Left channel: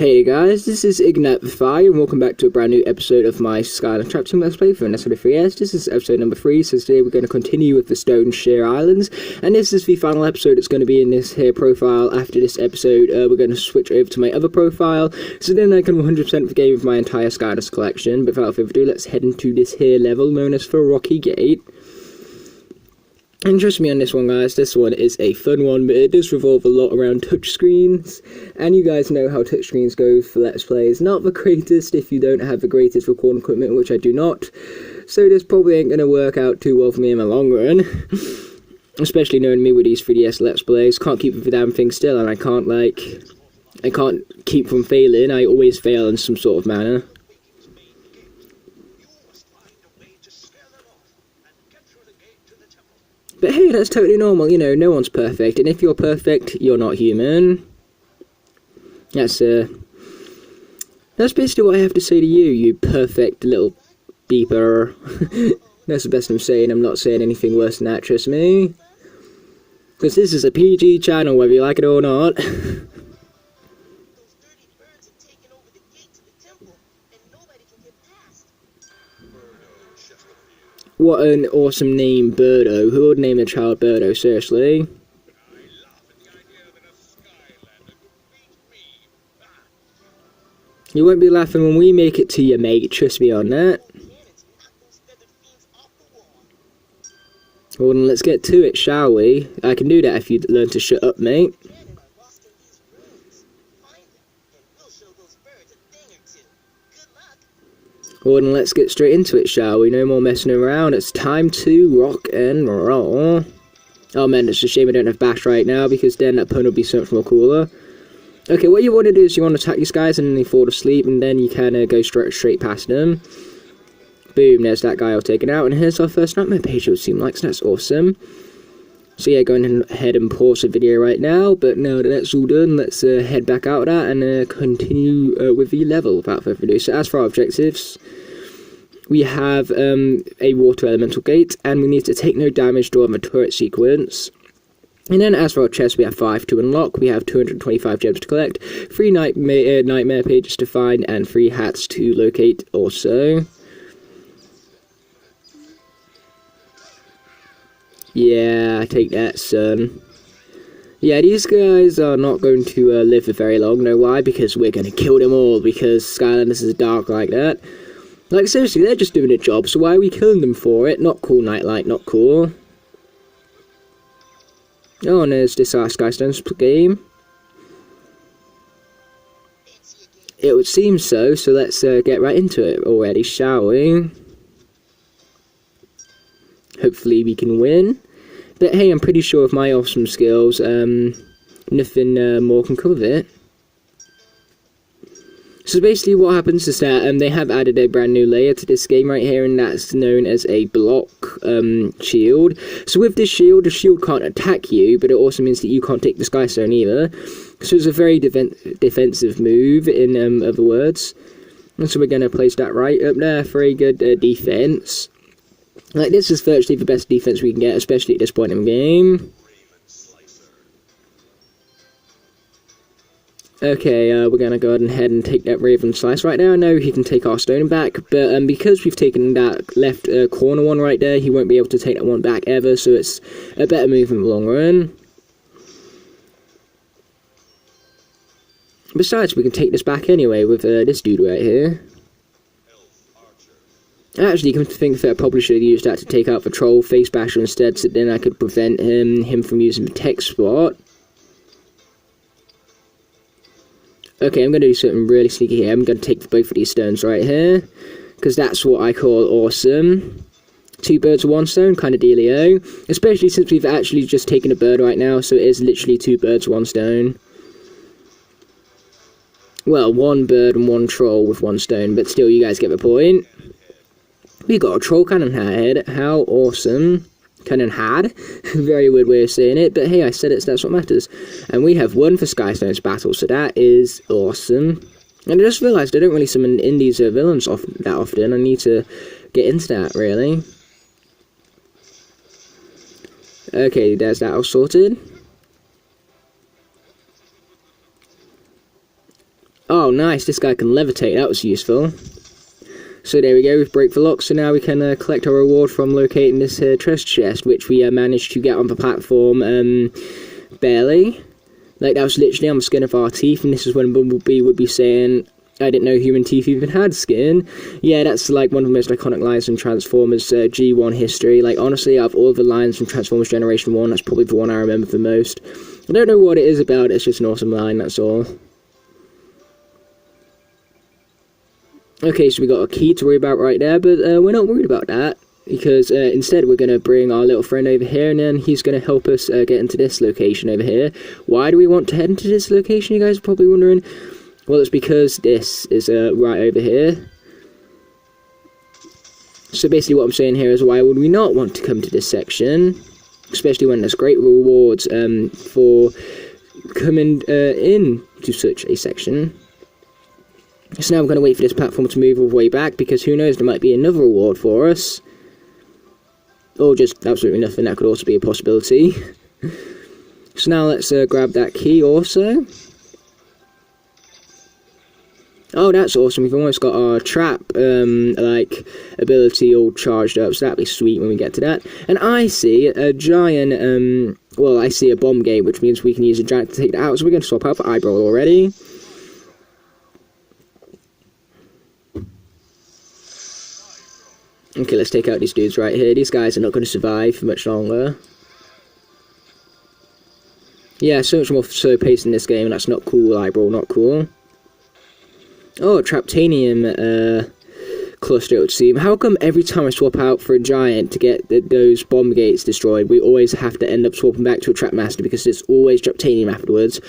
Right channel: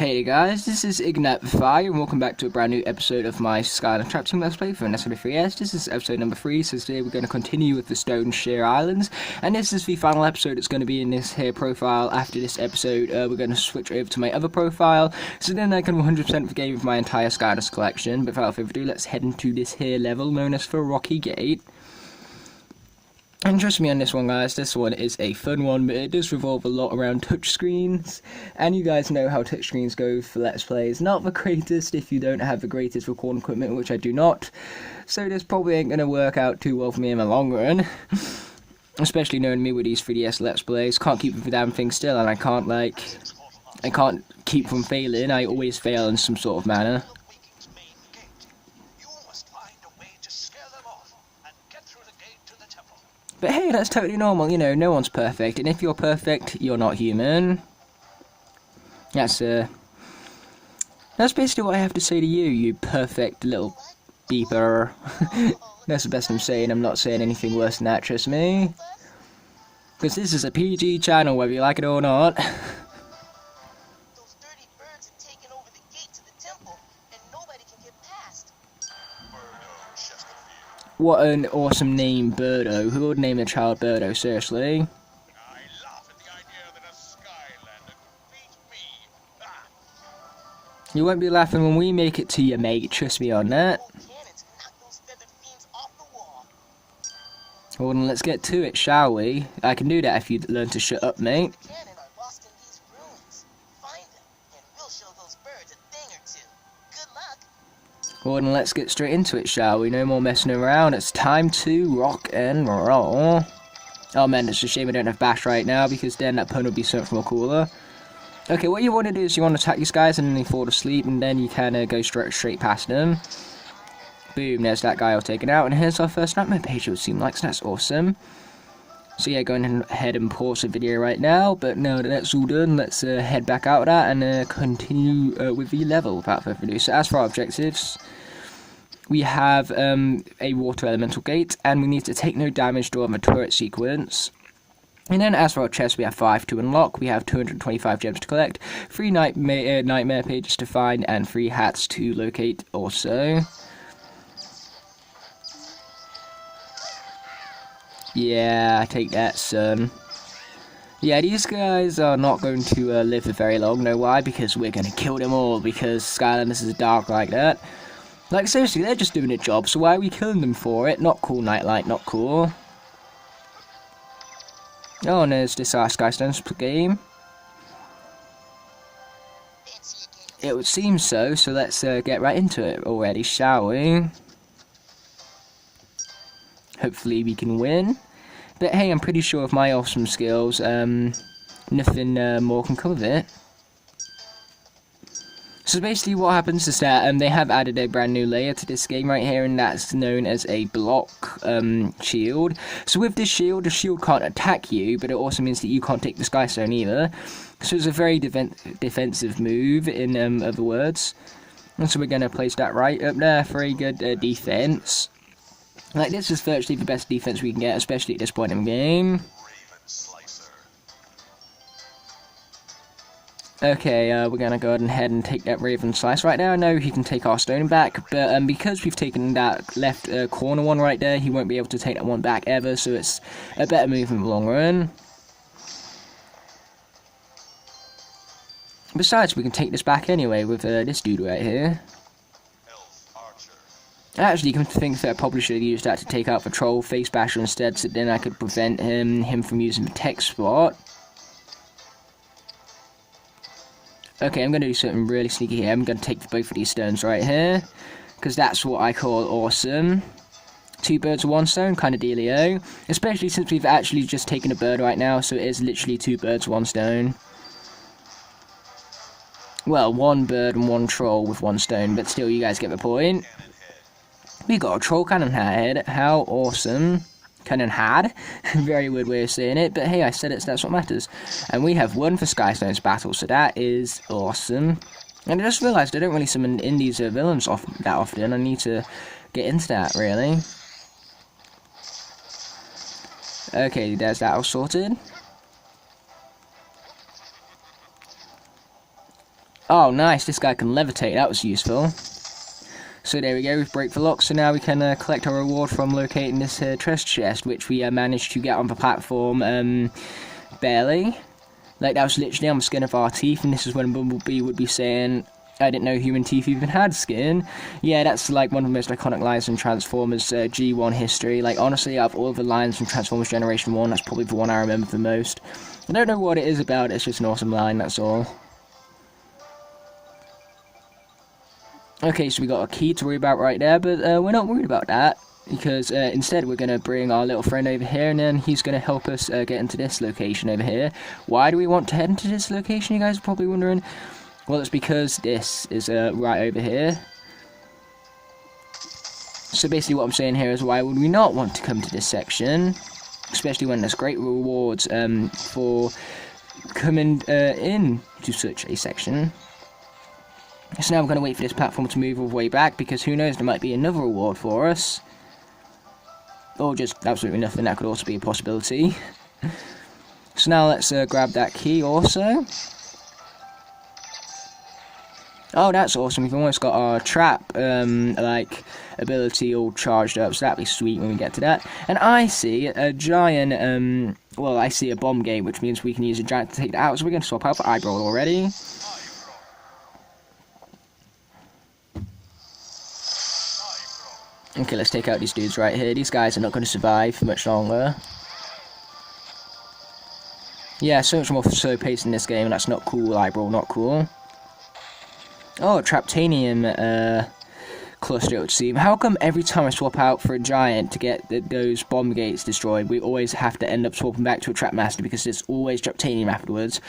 Hey guys, this is Ignite the Fire, and welcome back to a brand new episode of my Skylanders Trap Team Let's Play for SW3S. This is episode number 3, so today we're going to continue with the Stone Shear Islands, and this is the final episode. It's going to be in this here profile. After this episode, we're going to switch over to my other profile, so then I can 100% the game with my entire Skylanders collection. But without further ado, let's head into this here level known as the Rocky Gate. And trust me on this one, guys, this one is a fun one, but it does revolve a lot around touchscreens, and you guys know how touchscreens go for Let's Plays. Not the greatest if you don't have the greatest recording equipment, which I do not, so this probably ain't going to work out too well for me in the long run. Especially knowing me with these 3DS Let's Plays, can't keep the damn thing still, and I can't keep from failing. I always fail in some sort of manner. But hey, that's totally normal, you know, no one's perfect, and if you're perfect, you're not human. That's basically what I have to say to you, you perfect little beeper. That's the best I'm saying. I'm not saying anything worse than that, trust me. Because this is a PG channel, whether you like it or not. What an awesome name, Birdo. Who would name a child Birdo, seriously? I laugh at the idea that a Skylander could beat me. You won't be laughing when we make it to you, mate. Trust me on that. Well, then let's get to it, shall we? I can do that if you learn to shut up, mate. Well, then let's get straight into it, shall we? No more messing around. It's time to rock and roll. Oh man, it's a shame I don't have Bash right now, because then that pun would be so much more cooler. Okay, what you want to do is you want to attack these guys and then they fall asleep, and then you can go straight past them. Boom, there's that guy all taken out, and here's our first nightmare page, it would seem like, so that's awesome. So yeah, going ahead and pause the video right now, but now that that's all done, let's head back out of that and continue with the level without further ado. So as for our objectives, we have a water elemental gate, and we need to take no damage during the turret sequence. And then as for our chest, we have 5 to unlock, we have 225 gems to collect, 3 nightmare pages to find, and 3 hats to locate also. Yeah, take that, son. Yeah, these guys are not going to live for very long. Know why? Because we're going to kill them all, because Skylanders is dark like that. Like, seriously, they're just doing a job, so why are we killing them for it? Not cool, Nightlight, not cool. Oh, and there's this Skylanders game. It would seem so, so let's get right into it already, shall we? Hopefully we can win. But hey, I'm pretty sure with my awesome skills, nothing more can come of it. So basically what happens is that they have added a brand new layer to this game right here, and that's known as a block shield. So with this shield, the shield can't attack you, but it also means that you can't take the Sky Stone either. So it's a very defensive move, in other words. And so we're going to place that right up there. Very good defense. Like, this is virtually the best defense we can get, especially at this point in the game. Okay, we're going to go ahead and take that Raven Slice right now. I know he can take our stone back, but because we've taken that left corner one right there, he won't be able to take that one back ever, so it's a better move in the long run. Besides, we can take this back anyway with this dude right here. Actually, come to think that I probably should have used that to take out the Troll Face Basher instead, so then I could prevent him from using the tech spot. Okay, I'm going to do something really sneaky here. I'm going to take both of these stones right here, because that's what I call awesome. 2 birds with 1 stone, kind of dealio. Especially since we've actually just taken a bird right now, so it is literally 2 birds, 1 stone. Well, 1 bird and 1 troll with 1 stone, but still, you guys get the point. We got a troll cannon head. How awesome. Cannon had. Very weird way of saying it, but hey, I said it, so that's what matters. And we have won for Skystone's battle, so that is awesome. And I just realised I don't really summon in these villains that often. I need to get into that, really. Okay, there's that all sorted. Oh, nice, this guy can levitate, that was useful. So there we go, we've break the lock, so now we can collect our reward from locating this treasure chest, which we managed to get on the platform barely. Like, that was literally on the skin of our teeth, and this is when Bumblebee would be saying, I didn't know human teeth even had skin. Yeah, that's like one of the most iconic lines in Transformers G1 history. Like, honestly, out of all of the lines from Transformers Generation 1, that's probably the one I remember the most. I don't know what it is about, it's just an awesome line, that's all. Okay, so we got a key to worry about right there, but we're not worried about that, because instead we're going to bring our little friend over here, and then he's going to help us get into this location over here. Why do we want to head into this location, you guys are probably wondering? Well, it's because this is right over here. So basically what I'm saying here is, why would we not want to come to this section? Especially when there's great rewards for coming in to such a section. So now I'm going to wait for this platform to move all the way back, because who knows, there might be another reward for us. Or just absolutely nothing, that could also be a possibility. So now let's grab that key also. Oh, that's awesome, we've almost got our trap, like, ability all charged up, so that'll be sweet when we get to that. And I see a giant, well, I see a bomb gate, which means we can use a giant to take it out, so we're going to swap out for eyebrow already. Okay, let's take out these dudes right here. These guys are not going to survive for much longer. Yeah, so much more slow pace in this game. That's not cool, eyebrow, not cool. Oh, Traptanium cluster, it would seem. How come every time I swap out for a giant to get those bomb gates destroyed, we always have to end up swapping back to a Trap Master, because there's always Traptanium afterwards?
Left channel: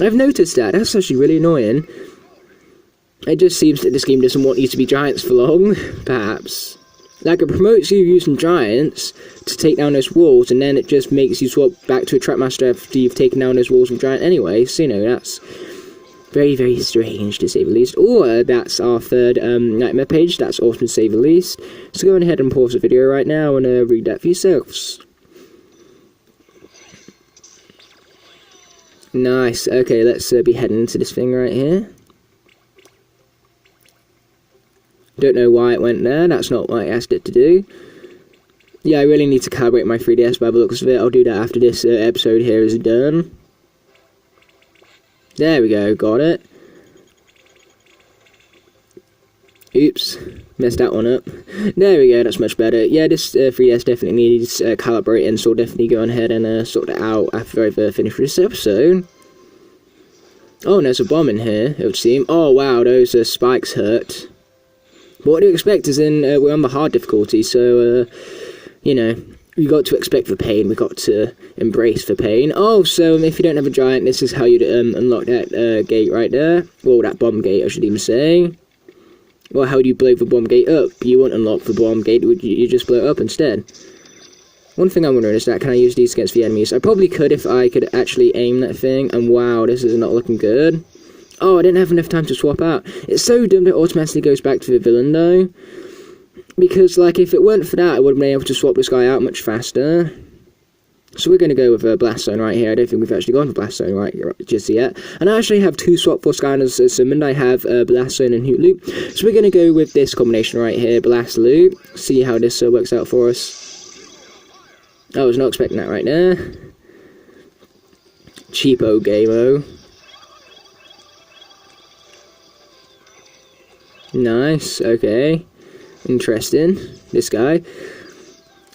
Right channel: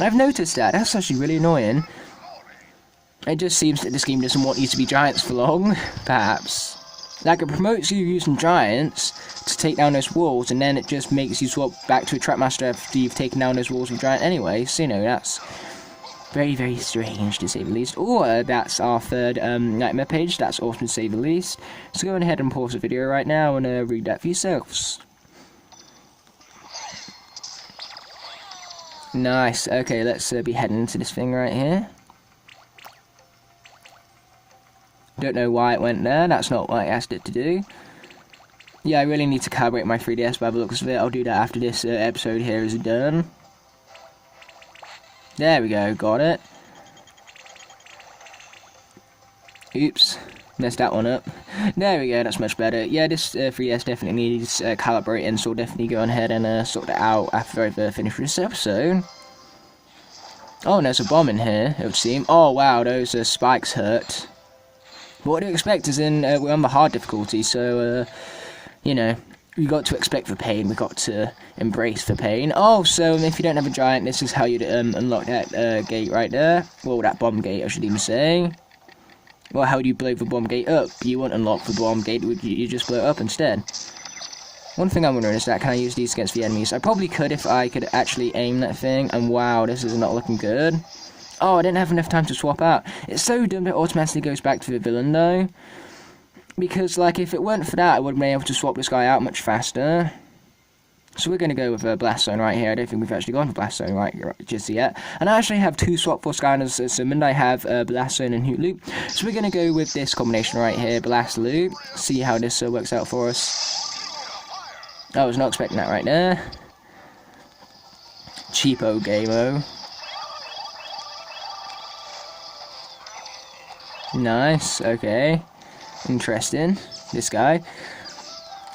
I've noticed that. That's actually really annoying. It just seems that this game doesn't want you to be giants for long, perhaps. Like, it promotes you using giants to take down those walls, and then it just makes you swap back to a Trap Master after you've taken down those walls with giant anyway, so, you know, that's very, very strange, to say the least. Or, that's our third nightmare page, that's awesome to say the least. So go ahead and pause the video right now and read that for yourselves. Nice, okay, let's be heading into this thing right here. Don't know why it went there, that's not what I asked it to do. Yeah, I really need to calibrate my 3DS by the looks of it. I'll do that after this episode here is done. There we go, got it. Oops, messed that one up. There we go, that's much better. Yeah, this 3DS definitely needs calibrating, so I'll definitely go ahead and sort it out after I've finished this episode. Oh, and there's a bomb in here, it would seem. Oh wow, those spikes hurt. But what do you expect, is in, we're on the hard difficulty, so, you know, we got to expect the pain, we got to embrace the pain. Oh, so if you don't have a giant, this is how you'd unlock that gate right there. Well, that bomb gate, I should even say. Well, how would you blow the bomb gate up? You wouldn't unlock the bomb gate, would you just blow it up instead? One thing I'm wondering is that, can I use these against the enemies? I probably could if I could actually aim that thing, and wow, this is not looking good. Oh, I didn't have enough time to swap out. It's so dumb that it automatically goes back to the villain, though. Because, like, if it weren't for that, I would have been able to swap this guy out much faster. So we're going to go with a Blast Zone right here. I don't think we've actually gone for Blast Zone right just yet. And I actually have two swap for Skylanders summoned. I have Blast Zone and Hoot Loop. So we're going to go with this combination right here, Blast Loop. See how this works out for us. I was not expecting that right there. Cheapo Game-o. Nice, okay. Interesting. This guy.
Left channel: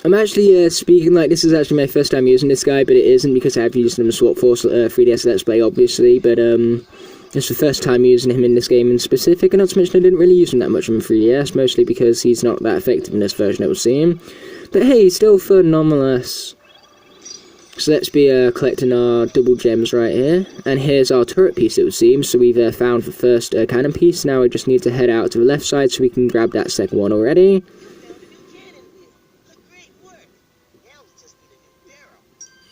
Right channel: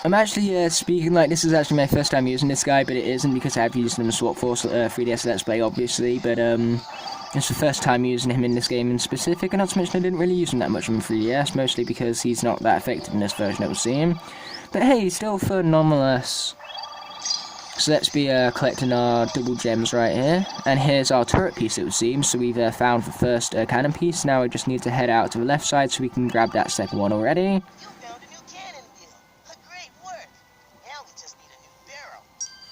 I'm actually speaking like this is actually my first time using this guy, but it isn't because I've used him in Swap Force 3DS Let's Play, obviously, but it's the first time using him in this game in specific, and not to mention I didn't really use him that much on 3DS, mostly because he's not that effective in this version, it would seem. But hey, still fun nonetheless. So let's be collecting our double gems right here. And here's our turret piece, it would seem. So we've found the first cannon piece. Now we just need to head out to the left side so we can grab that second one already.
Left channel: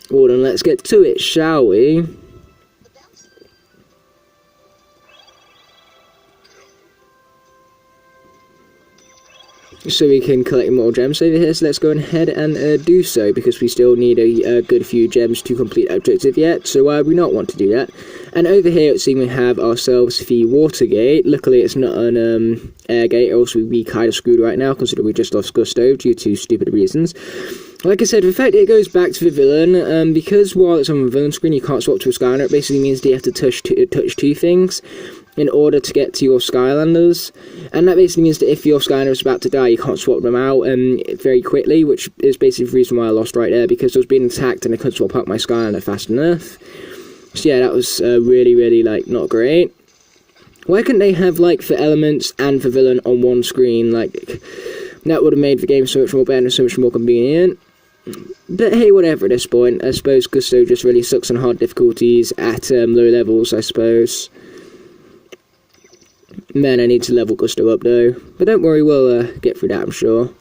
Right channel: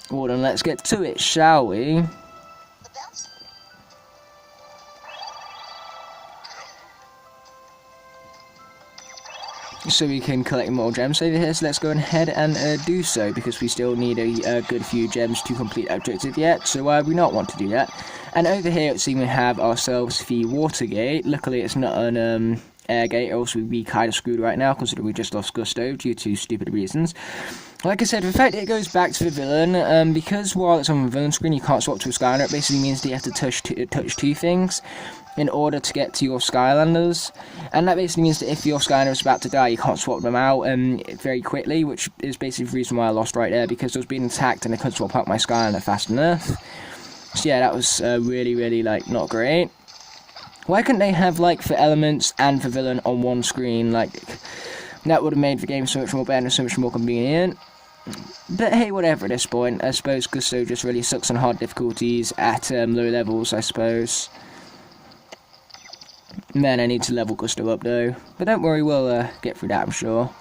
Well then, let's get to it, shall we? So we can collect more gems over here, so let's go ahead and do so, because we still need a good few gems to complete our objective yet, so why would we not want to do that? And over here, it seems we have ourselves the water gate. Luckily, it's not an air gate, or else we'd be kind of screwed right now, considering we just lost Gusto due to stupid reasons. Like I said, the fact it goes back to the villain, because while it's on the villain screen, you can't swap to a Skylander. It basically means that you have to touch two things in order to get to your Skylanders. And that basically means that if your Skylander is about to die, you can't swap them out very quickly, which is basically the reason why I lost right there, because I was being attacked and I couldn't swap out my Skylander fast enough. So yeah, that was really, really, like, not great. Why couldn't they have, like, the elements and the villain on one screen? Like, that would have made the game so much more better and so much more convenient. But hey, whatever at this point. I suppose Gusto just really sucks on hard difficulties at low levels, I suppose. Man, I need to level Gusto up, though. But don't worry, we'll get through that, I'm sure.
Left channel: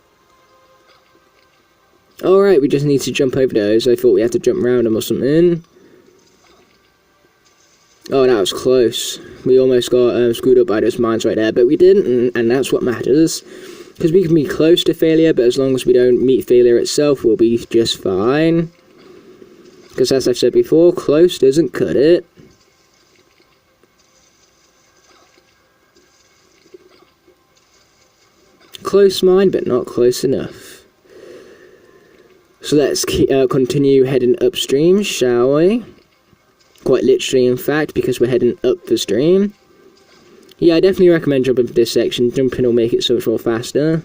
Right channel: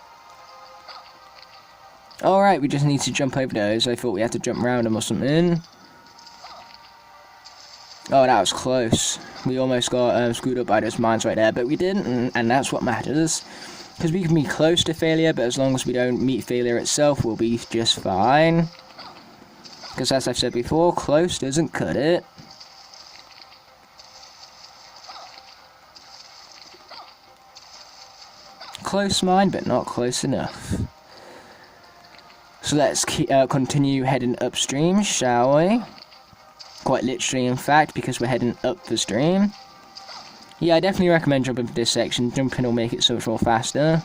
Alright, we just need to jump over those. I thought we had to jump around them or something. Oh, that was close. We almost got screwed up by those mines right there, but we didn't, and that's what matters. Because we can be close to failure, but as long as we don't meet failure itself, we'll be just fine. Because as I've said before, close doesn't cut it. Close mine, but not close enough. So let's continue heading upstream, shall we? Quite literally, in fact, because we're heading up the stream. Yeah, I definitely recommend jumping for this section. Jumping will make it so much more faster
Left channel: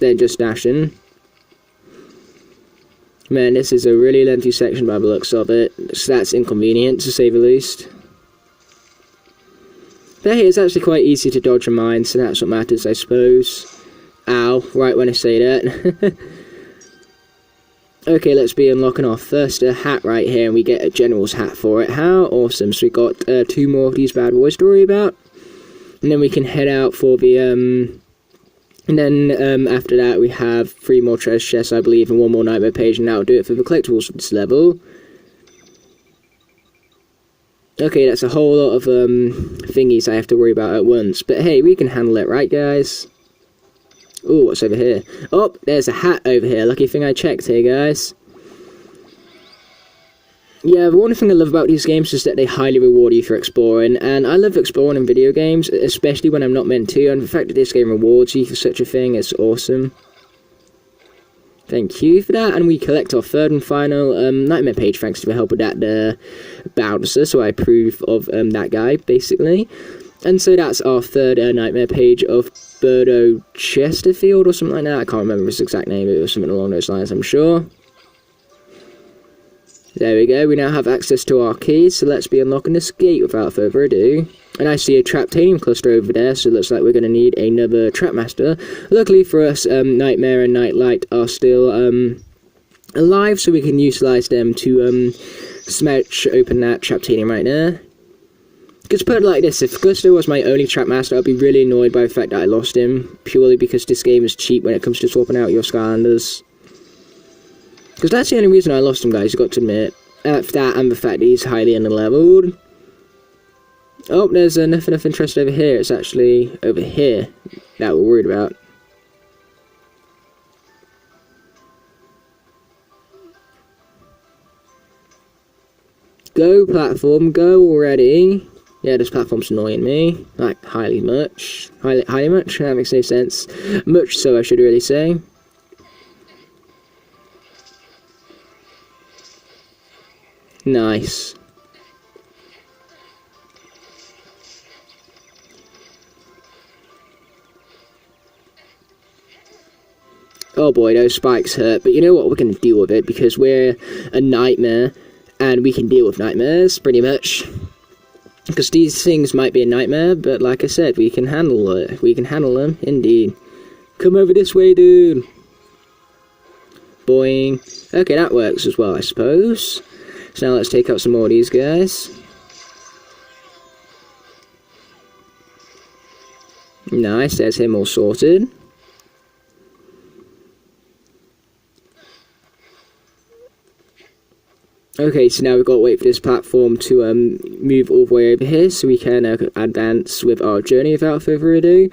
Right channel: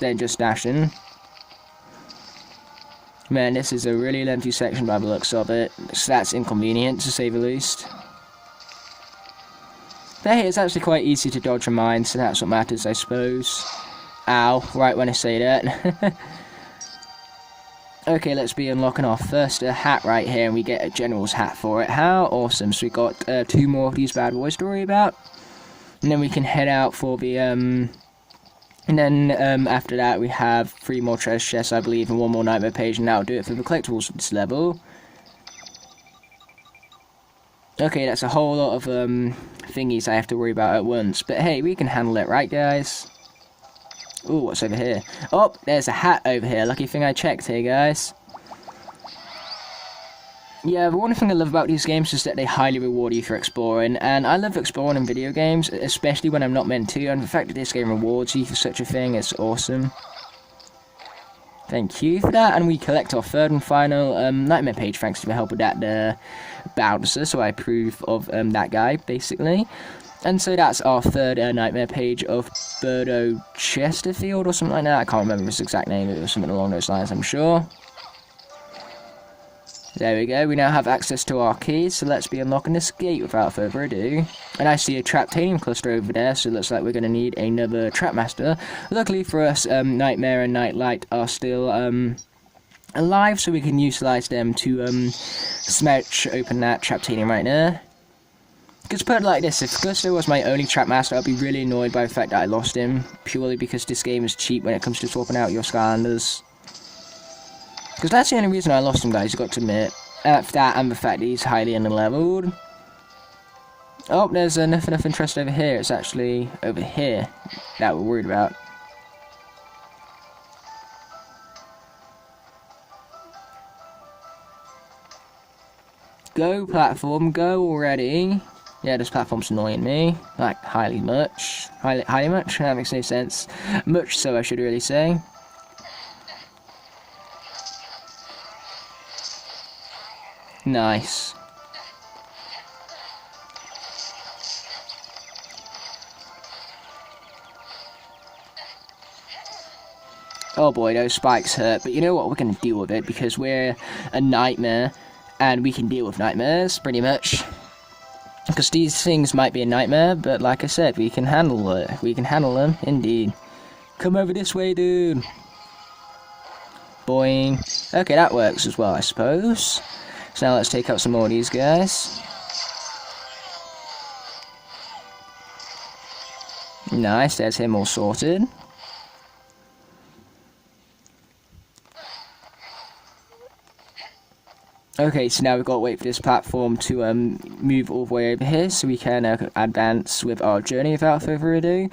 than just dashing. Man, this is a really lengthy section by the looks of it, so that's inconvenient, to say the least. But hey, it's actually quite easy to dodge a mine, so that's what matters, I suppose. Ow, right when I say that. Okay, let's be unlocking our first hat right here, and we get a general's hat for it. How awesome. So we got 2 more of these bad boys to worry about. And then we can head out for the, and then after that we have 3 more treasure chests, I believe, and 1 more nightmare page, and that'll do it for the collectibles for this level. Okay, that's a whole lot of thingies I have to worry about at once. But hey, we can handle it, right, guys? Oh, what's over here? Oh, there's a hat over here. Lucky thing I checked here, guys. Yeah, the one thing I love about these games is that they highly reward you for exploring, and I love exploring in video games, especially when I'm not meant to, and the fact that this game rewards you for such a thing is awesome. Thank you for that, and we collect our 3rd and final nightmare page thanks to the help of that Bowser, so I approve of that guy, basically. And so that's our 3rd nightmare page of Birdo Chesterfield or something like that. I can't remember his exact name, it was something along those lines, I'm sure. There we go, we now have access to our keys, so let's be unlocking this gate without further ado. And I see a Traptanium cluster over there, so it looks like we're going to need another Trapmaster. Luckily for us, Nightmare and Nightlight are still alive, so we can utilise them to smash open that Traptanium right there. Because put it like this, if Gusto was my only Trapmaster, I'd be really annoyed by the fact that I lost him, purely because this game is cheap when it comes to swapping out your Skylanders. Because that's the only reason I lost him, guys, you've got to admit. That and the fact that he's highly underleveled. Oh, there's nothing of interest over here. It's actually over here that we're worried about. Go, platform, go already. Yeah, this platform's annoying me. Like, highly much. Highly much? That makes no sense. Much so, I should really say. Nice. Oh boy, those spikes hurt, but you know what, we're going to deal with it, because we're a nightmare, and we can deal with nightmares, pretty much. Because these things might be a nightmare, but like I said, we can handle it. We can handle them, indeed. Come over this way, dude. Boing. Okay, that works as well, I suppose. So now let's take out some more of these guys. Nice, there's him all sorted. Okay, so now we've got to wait for this platform to move all the way over here so we can advance with our journey without further ado.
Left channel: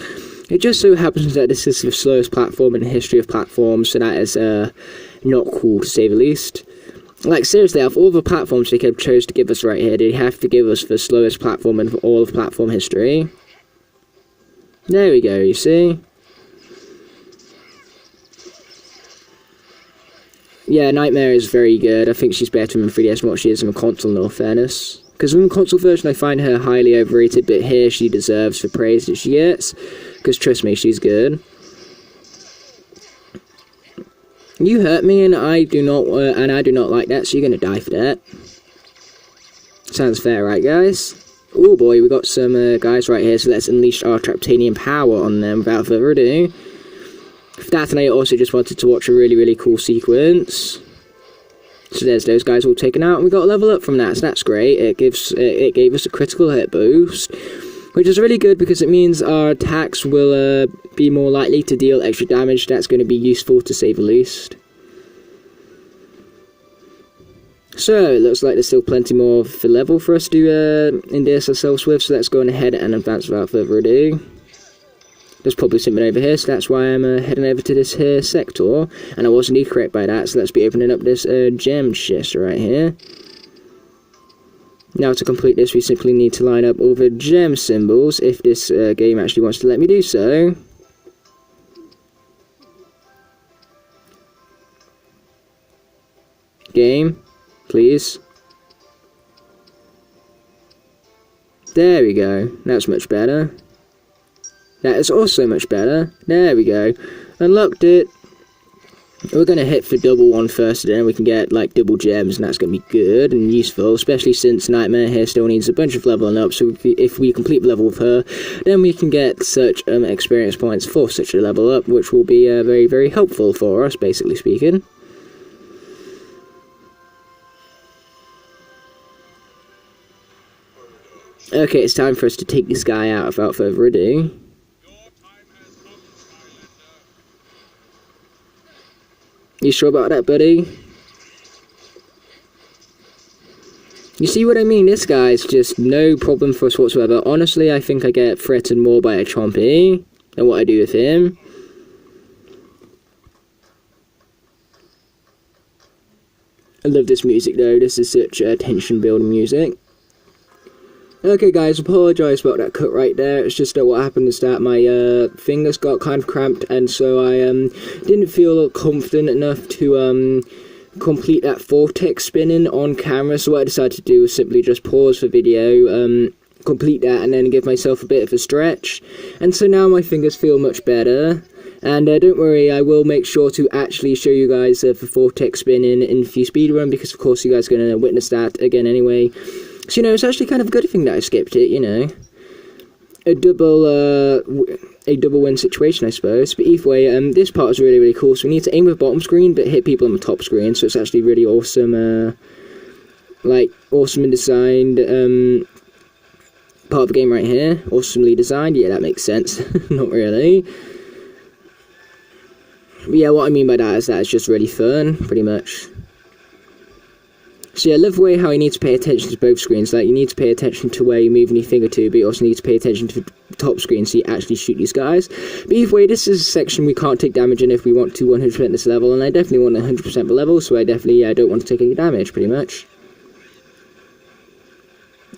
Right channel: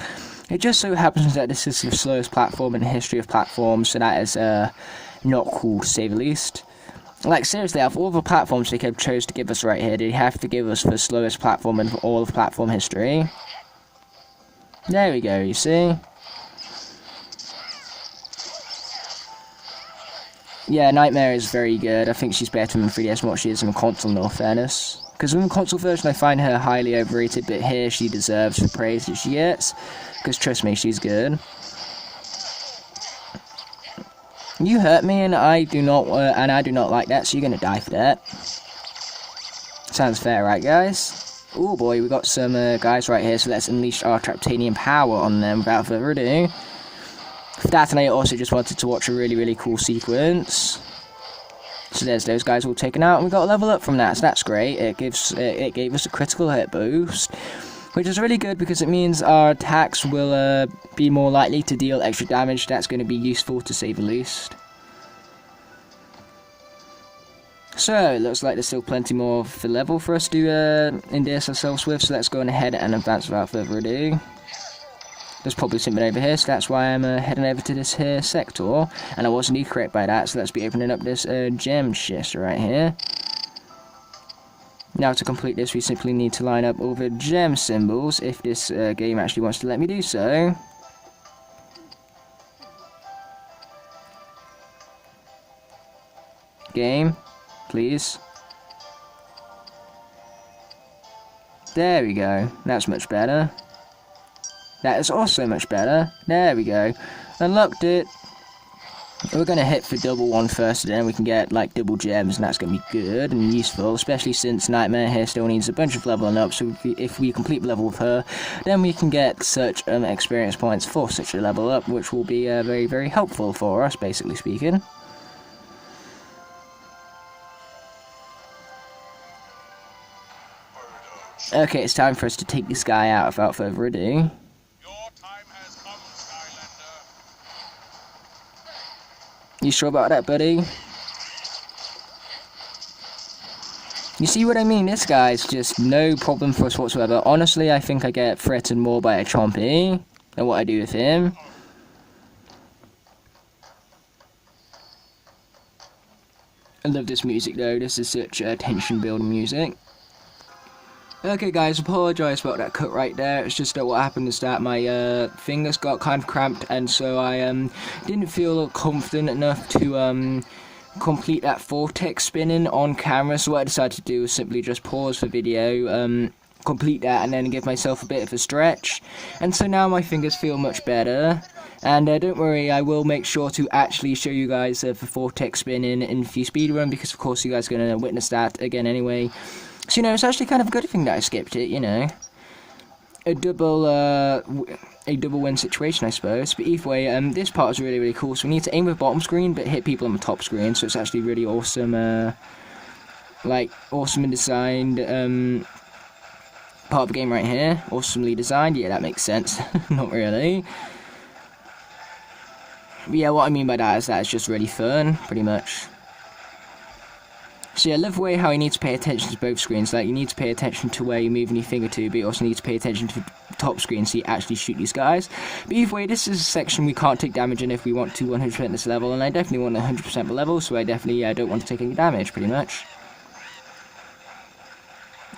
It just so happens that this is the slowest platform in the history of platforms, so that is not cool to say the least. Like, seriously, out of all the platforms they could chose to give us right here, they have to give us the slowest platform in all of platform history. There we go, you see? Yeah, Nightmare is very good. I think she's better in 3DS than what she is in console, in all fairness. Because in the console version, I find her highly overrated, but here she deserves the praise that she gets. Because trust me, she's good. You hurt me, and I do not like that, so you're gonna die for that. Sounds fair, right, guys? Oh boy, we got some guys right here, so let's unleash our Traptanian power on them without further ado. For that, and I also just wanted to watch a really cool sequence. So there's those guys all taken out, and we got a level up from that, so that's great. It gave us a critical hit boost, which is really good because it means our attacks will be more likely to deal extra damage. That's going to be useful to say the least. So, it looks like there's still plenty more of the level for us to endear ourselves with, so let's go on ahead and advance without further ado. There's probably something over here, so that's why I'm heading over to this here sector, and I was indeed correct by that, so let's be opening up this gem chest right here. Now to complete this, we simply need to line up all the gem symbols, if this game actually wants to let me do so. Game, please. There we go, that's much better. That is also much better. There we go. Unlocked it. We're going to hit for double one first, and then we can get like double gems, and that's going to be good and useful, especially since Nightmare here still needs a bunch of leveling up, so if we complete the level with her, then we can get such experience points for such a level up, which will be very helpful for us, basically speaking. Okay, it's time for us to take this guy out without further ado. You sure about that, buddy? You see what I mean? This guy's just no problem for us whatsoever. Honestly, I think I get threatened more by a Chompy than what I do with him. I love this music though. This is such tension building music. Okay guys, apologise about that cut right there. It's just that what happened is that my fingers got kind of cramped, and so I didn't feel confident enough to complete that vortex spinning on camera. So what I decided to do was simply just pause the video, complete that, and then give myself a bit of a stretch. And so now my fingers feel much better. And don't worry, I will make sure to actually show you guys the vortex spinning in the speedrun, because of course you guys are going to witness that again anyway. So, you know, it's actually kind of a good thing that I skipped it, you know. A double win situation, I suppose. But either way, this part is really cool. So we need to aim with the bottom screen, but hit people on the top screen. So it's actually really awesome, awesome and designed, part of the game right here. Awesomely designed. Yeah, that makes sense. Not really. But yeah, what I mean by that is it's just really fun, pretty much. So yeah, I love the way how you need to pay attention to both screens. Like, you need to pay attention to where you're moving your finger to, but you also need to pay attention to the top screen so you actually shoot these guys. But either way, this is a section we can't take damage in if we want to 100% this level, and I definitely want 100% the level, so I definitely don't want to take any damage, pretty much.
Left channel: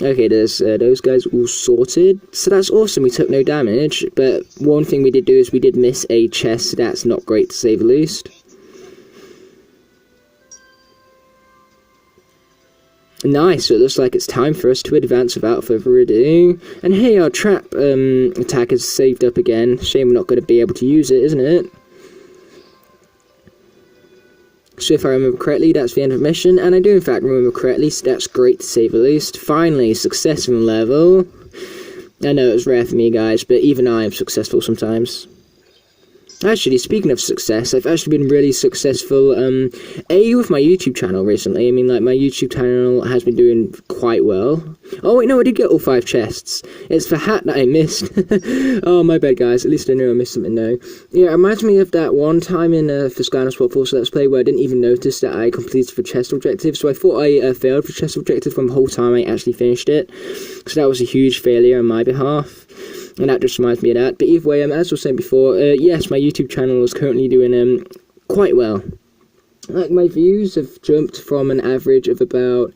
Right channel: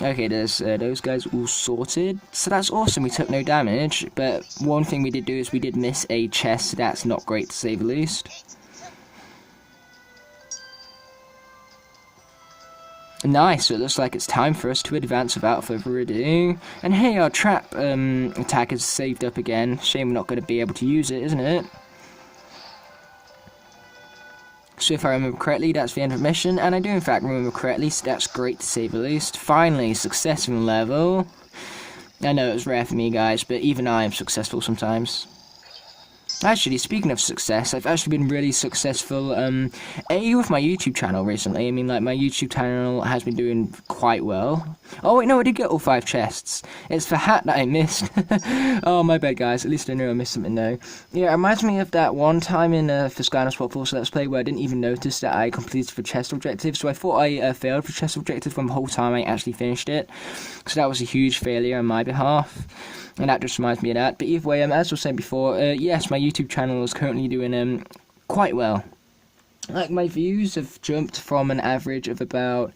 Okay, there's those guys all sorted. So that's awesome, we took no damage, but one thing we did do is we did miss a chest, so that's not great to say the least. Nice, so it looks like it's time for us to advance without further ado. And hey, our trap attack is saved up again. Shame we're not going to be able to use it, isn't it? So if I remember correctly, that's the end of the mission, and I do in fact remember correctly, so that's great to say the least. Finally, successful level. I know it was rare for me, guys, but even I am successful sometimes. Actually, speaking of success, I've actually been really successful, with my YouTube channel recently. I mean, like, my YouTube channel has been doing quite well. Oh, wait, no, I did get all 5 chests. It's the hat that I missed. Oh, my bad, guys. At least I know I missed something, though. Yeah, it reminds me of that one time in the Skylanders World Force Let's Play where I didn't even notice that I completed the chest objective. So I thought I failed the chest objective from the whole time I actually finished it. So that was a huge failure on my behalf. And that just reminds me of that. But either way, as I was saying before, yes, my YouTube channel is currently doing quite well. like, my views have jumped from an average of about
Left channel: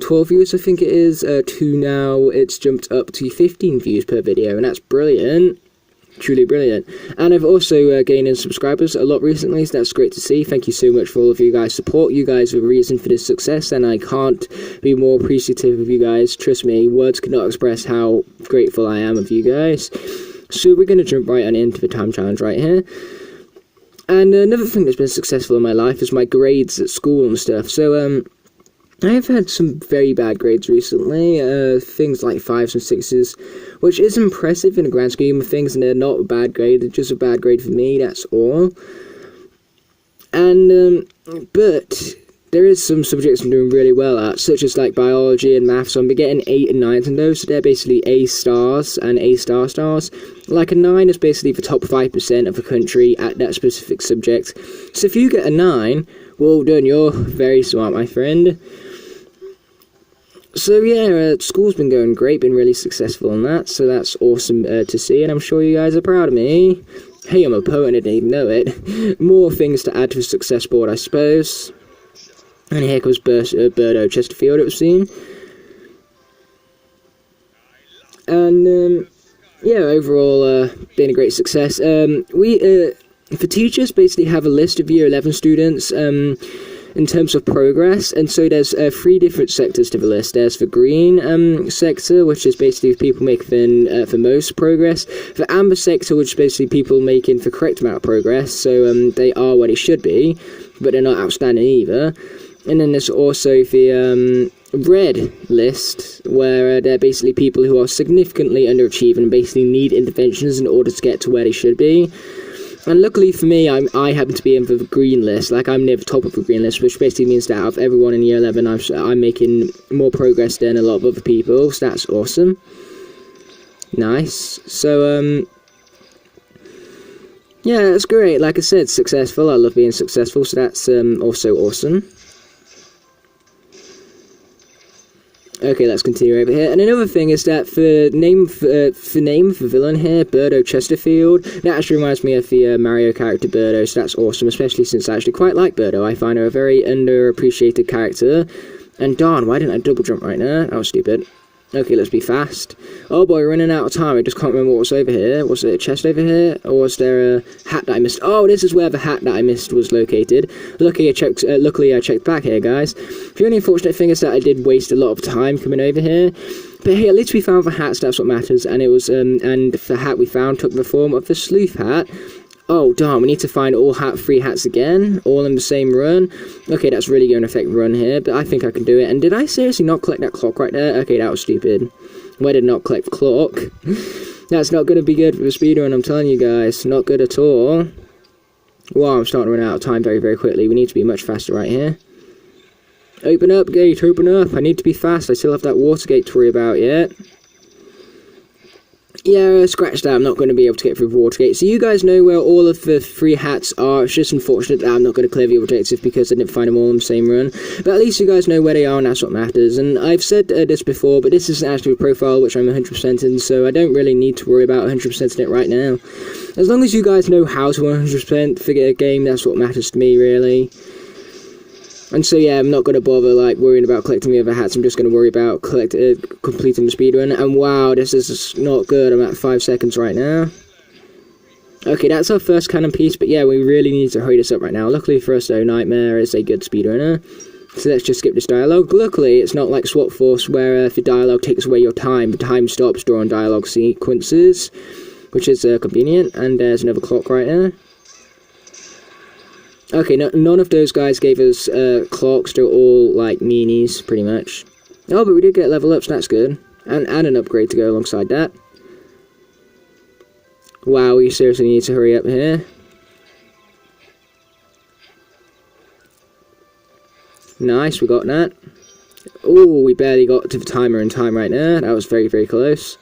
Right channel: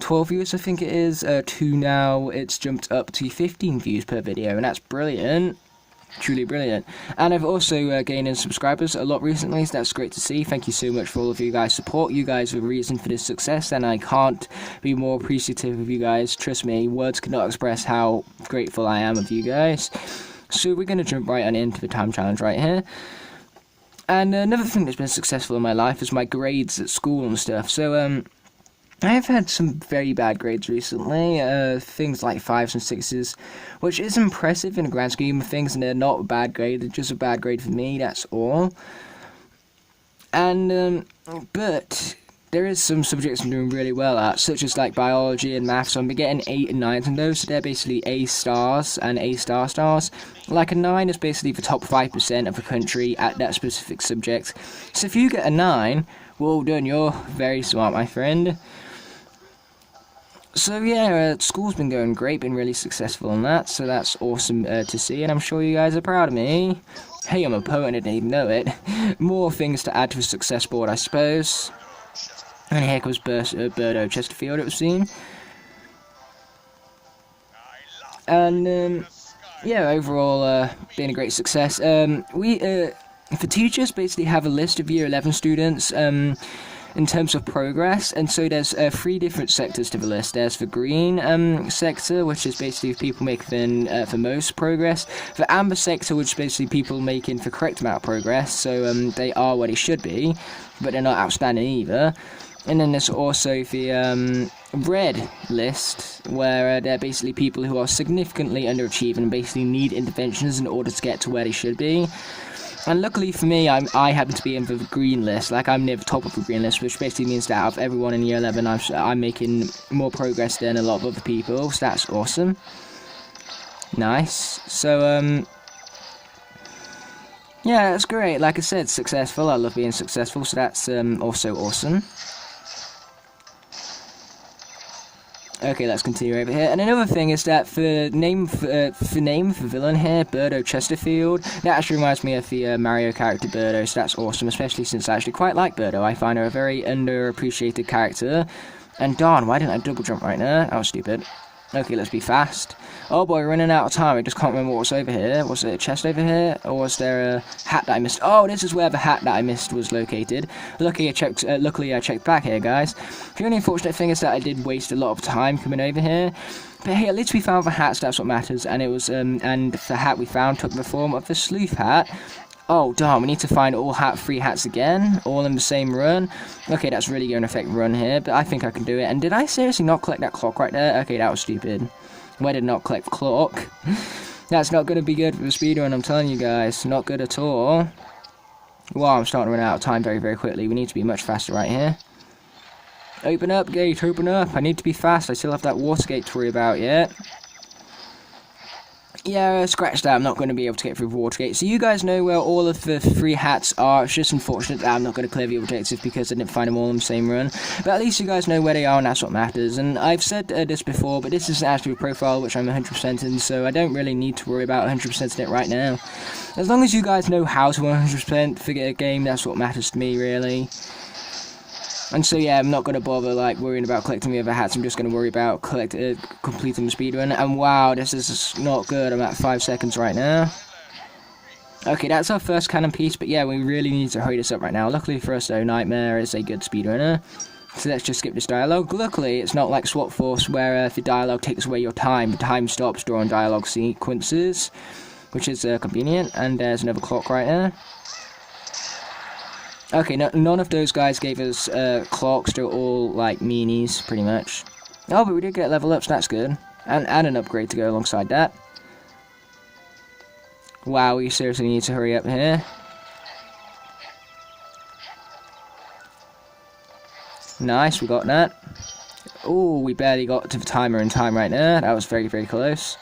12 views, I think it is, to now it's jumped up to 15 views per video, and that's brilliant. Truly brilliant. And I've also gained in subscribers a lot recently, so that's great to see. Thank you so much for all of you guys' support. You guys are the reason for this success, and I can't be more appreciative of you guys. Trust me, words cannot express how grateful I am of you guys. So we're going to jump right on into the time challenge right here. And another thing that's been successful in my life is my grades at school and stuff. So I've had some very bad grades recently, things like 5s and 6s, which is impressive in the grand scheme of things, and they're not a bad grade, they're just a bad grade for me, that's all. And, but there is some subjects I'm doing really well at, such as like biology and maths, so I'm getting 8 and 9s in those, so they're basically A stars and A stars. Like a 9 is basically the top 5% of the country at that specific subject. So if you get a 9, well done, you're very smart, my friend. So yeah, school's been going great, been really successful in that, so that's awesome to see, and I'm sure you guys are proud of me. Hey, I'm a poet and I didn't even know it. More things to add to a success board, I suppose. And here comes Birdo Chesterfield, it would seem. And yeah, overall, been a great success. We, for teachers, basically have a list of Year 11 students, in terms of progress, and so there's 3 different sectors to the list. There's the green sector, which is basically people making the most progress. The amber sector, which is basically people making the correct amount of progress, so they are where they should be, but they're not outstanding either. And then there's also the red list, where they're basically people who are significantly underachieving and basically need interventions in order to get to where they should be. And luckily for me, I happen to be in the green list, like I'm near the top of the green list, which basically means that out of everyone in year 11, I'm making more progress than a lot of other people, so that's awesome. Nice. So, yeah, that's great. Like I said, successful. I love being successful, so that's also awesome. Okay, let's continue over here. And another thing is that the name of the villain here, Birdo Chesterfield, that actually reminds me of the Mario character Birdo, so that's awesome, especially since I actually quite like Birdo. I find her a very underappreciated character. And darn, why didn't I double jump right now? That was stupid. Okay, let's be fast. Oh boy, we're running out of time. I just can't remember what was over here. Was there a chest over here? Or was there a hat that I missed? Oh, this is where the hat that I missed was located. Luckily I checked back here, guys. The only unfortunate thing is that I did waste a lot of time coming over here. But hey, at least we found the hats, that's what matters. And it was, and the hat we found took the form of the sleuth hat. Oh, darn, we need to find all 3 hats again, all in the same run. Okay, that's really going to affect the run here, but I think I can do it. And did I seriously not collect that clock right there? Okay, that was stupid. Why did I not collect the clock? That's not going to be good for the speedrun, I'm telling you guys. Not good at all. Wow, I'm starting to run out of time very, very quickly. We need to be much faster right here. Open up, gate, open up. I need to be fast. I still have that water gate to worry about yet. Yeah, scratch that, I'm not going to be able to get through the Watergate. So you guys know where all of the 3 hats are. It's just unfortunate that I'm not going to clear the objective because I didn't find them all in the same run. But at least you guys know where they are, and that's what matters. And I've said this before, but this isn't actually a profile which I'm 100% in, so I don't really need to worry about 100% in it right now. As long as you guys know how to 100% figure a game, that's what matters to me, really. And so yeah, I'm not going to bother like worrying about collecting the other hats, I'm just going to worry about completing the speedrun. And wow, this is not good, I'm at 5 seconds right now. Okay, that's our first cannon piece, but yeah, we really need to hurry this up right now. Luckily for us though, Nightmare is a good speedrunner. So let's just skip this dialogue. Luckily, it's not like Swap Force where if the dialogue takes away your time, the time stops during dialogue sequences, which is convenient. And there's another clock right there. Okay, none of those guys gave us clocks, they're all like meanies, pretty much. Oh, but we did get level ups, that's good. And an upgrade to go alongside that. Wow, we seriously need to hurry up here. Nice, we got that. Oh, we barely got to the timer in time right there, that was very, very close.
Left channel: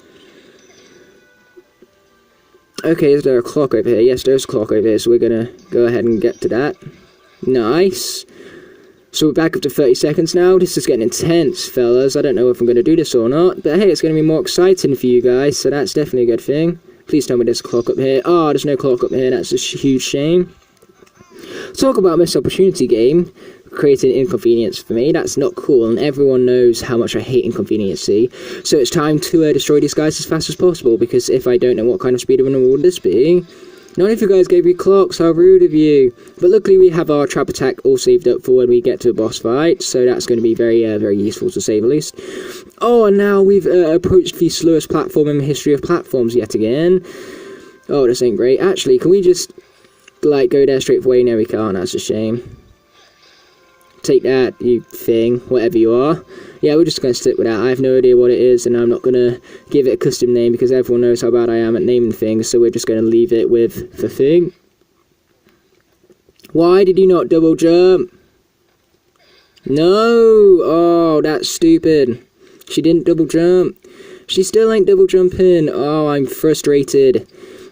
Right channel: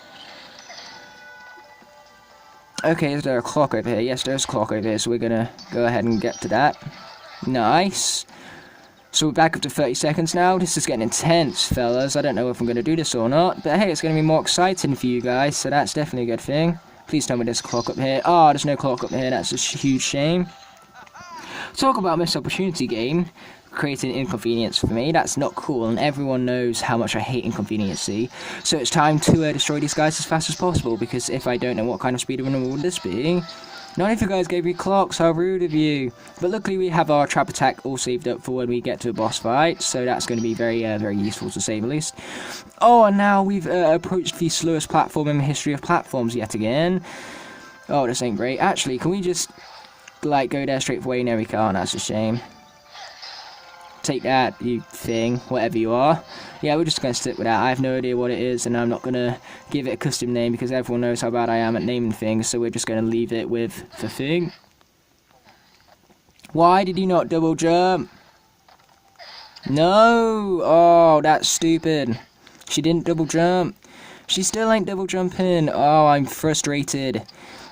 Okay, is there a clock over here? Yes, there's a clock over here, so we're gonna go ahead and get to that. Nice. So we're back up to 30 seconds now. This is getting intense, fellas. I don't know if I'm gonna do this or not, but hey, it's gonna be more exciting for you guys, so that's definitely a good thing. Please tell me there's a clock up here. Oh, there's no clock up here, that's a huge shame. Talk about missed opportunity game. Creating inconvenience for me. That's not cool, and everyone knows how much I hate inconveniency. So it's time to destroy these guys as fast as possible, because if I don't know what kind of speedrunner would this be. None of you guys gave me clocks, how rude of you. But luckily we have our trap attack all saved up for when we get to a boss fight, so that's going to be very useful to say the least. Oh, and now we've approached the slowest platform in the history of platforms yet again. Oh, this ain't great. Actually, can we just, like, go there straight away? No, we can't. That's a shame. Take that, you thing, whatever you are. Yeah, we're just going to stick with that. I have no idea what it is, and I'm not going to give it a custom name because everyone knows how bad I am at naming things, so we're just going to leave it with the thing. Why did you not double jump? No! Oh, that's stupid. She didn't double jump. She still ain't double jumping. Oh, I'm frustrated.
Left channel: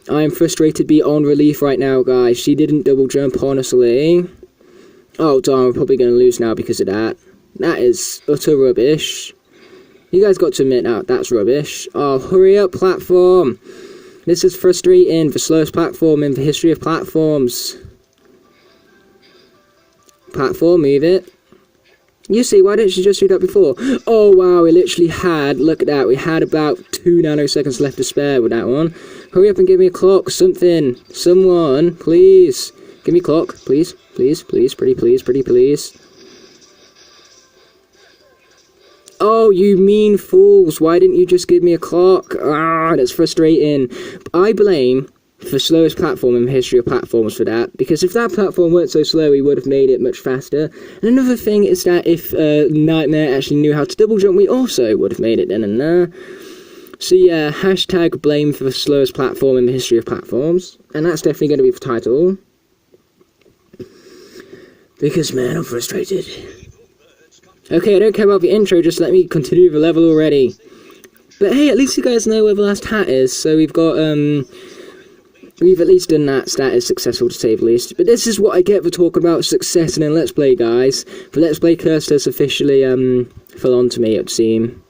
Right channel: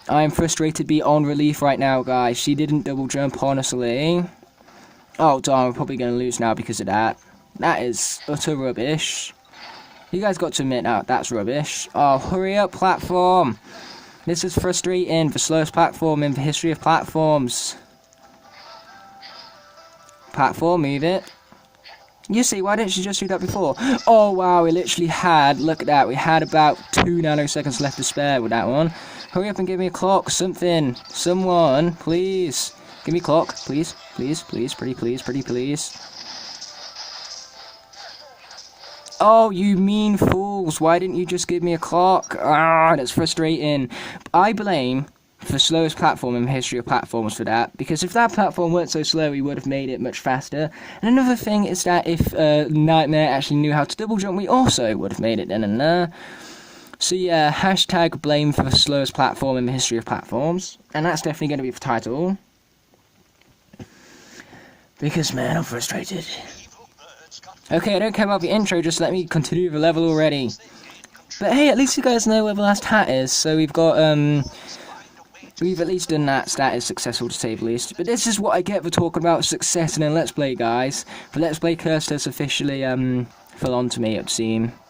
I am frustrated beyond relief right now, guys. She didn't double jump, honestly. Oh, darn, we're probably going to lose now because of that. That is utter rubbish. You guys got to admit now, that's rubbish. Oh, hurry up, platform. This is frustrating. The slowest platform in the history of platforms. Platform, move it. You see, why didn't you just do that before? Oh, wow, we literally had, look at that, we had about 2 nanoseconds left to spare with that one. Hurry up and give me a clock, something. Someone, please. Give me a clock, please. Please, pretty please. Oh, you mean fools. Why didn't you just give me a clock? Ah, that's frustrating. I blame the slowest platform in the history of platforms for that, because if that platform weren't so slow, we would have made it much faster. And another thing is that if Nightmare actually knew how to double jump, we also would have made it then and there. So yeah, hashtag blame for the slowest platform in the history of platforms. And that's definitely going to be the title. Because, man, I'm frustrated. Okay, I don't care about the intro, just let me continue the level already. But hey, at least you guys know where the last hat is, so we've got, we've at least done that. That is successful to say the least. But this is what I get for talking about success in a Let's Play, guys. The Let's Play curse has officially, fell onto me, it would seem.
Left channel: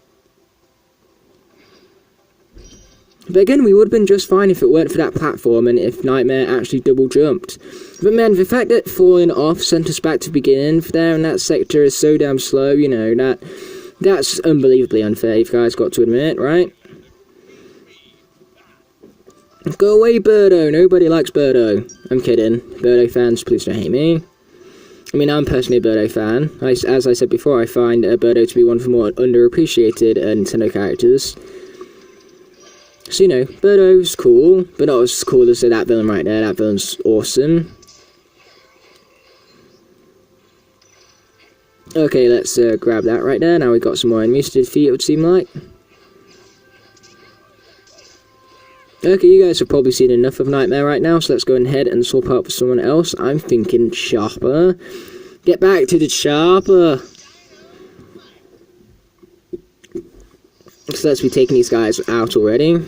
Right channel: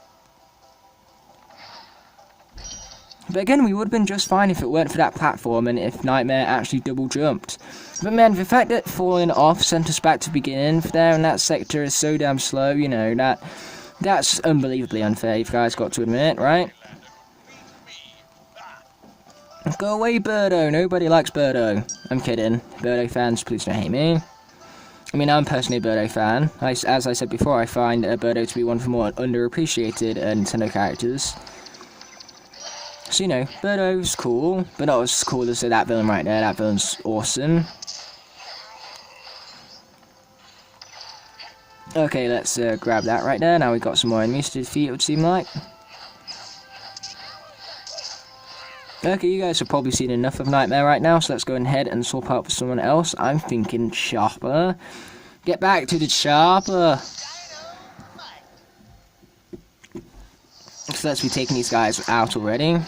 But again, we would have been just fine if it weren't for that platform and if Nightmare actually double jumped. But man, the fact that falling off sent us back to the beginning there in that sector is so damn slow, you know, that's unbelievably unfair, you guys got to admit, right? Go away, Birdo. Nobody likes Birdo. I'm kidding. Birdo fans, please don't hate me. I mean, I'm personally a Birdo fan. As I said before, I find Birdo to be one of the more underappreciated Nintendo characters. So, you know, Birdo's cool, but not as cool as that villain right there. That villain's awesome. Okay, let's grab that right there. Now we've got some more enemies to defeat, it would seem like. Okay, you guys have probably seen enough of Nightmare right now, so let's go ahead and swap out for someone else. I'm thinking Chopper. Get back to the Chopper! So let's be taking these guys out already.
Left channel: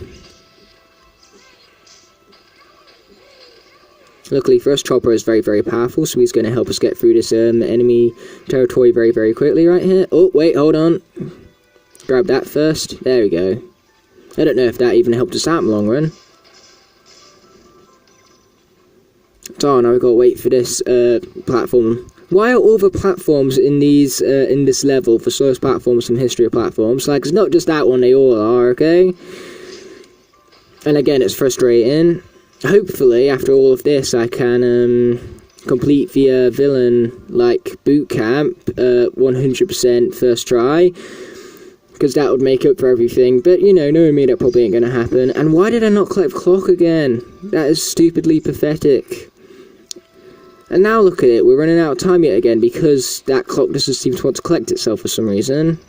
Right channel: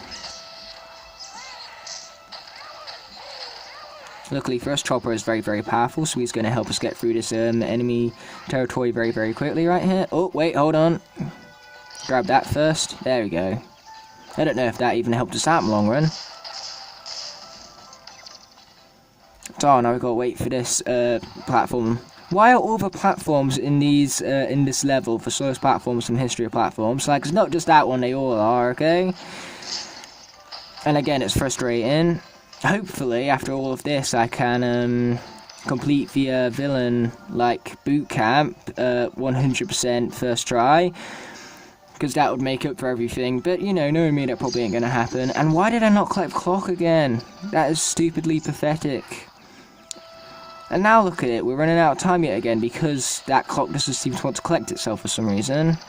Luckily for us, Chopper is very powerful, so he's going to help us get through this enemy territory very quickly right here. Oh, wait, hold on. Grab that first. There we go. I don't know if that even helped us out in the long run. So now we've got to wait for this platform. Why are all the platforms in these in this level the slowest platforms from history of platforms? Like, it's not just that one, they all are, okay? And again, it's frustrating. Hopefully, after all of this, I can complete the villain, like, boot camp 100% first try. Because that would make up for everything. But, you know, knowing me, that probably ain't going to happen. And why did I not collect clock again? That is stupidly pathetic. And now look at it, we're running out of time yet again because that clock doesn't seem to want to collect itself for some reason.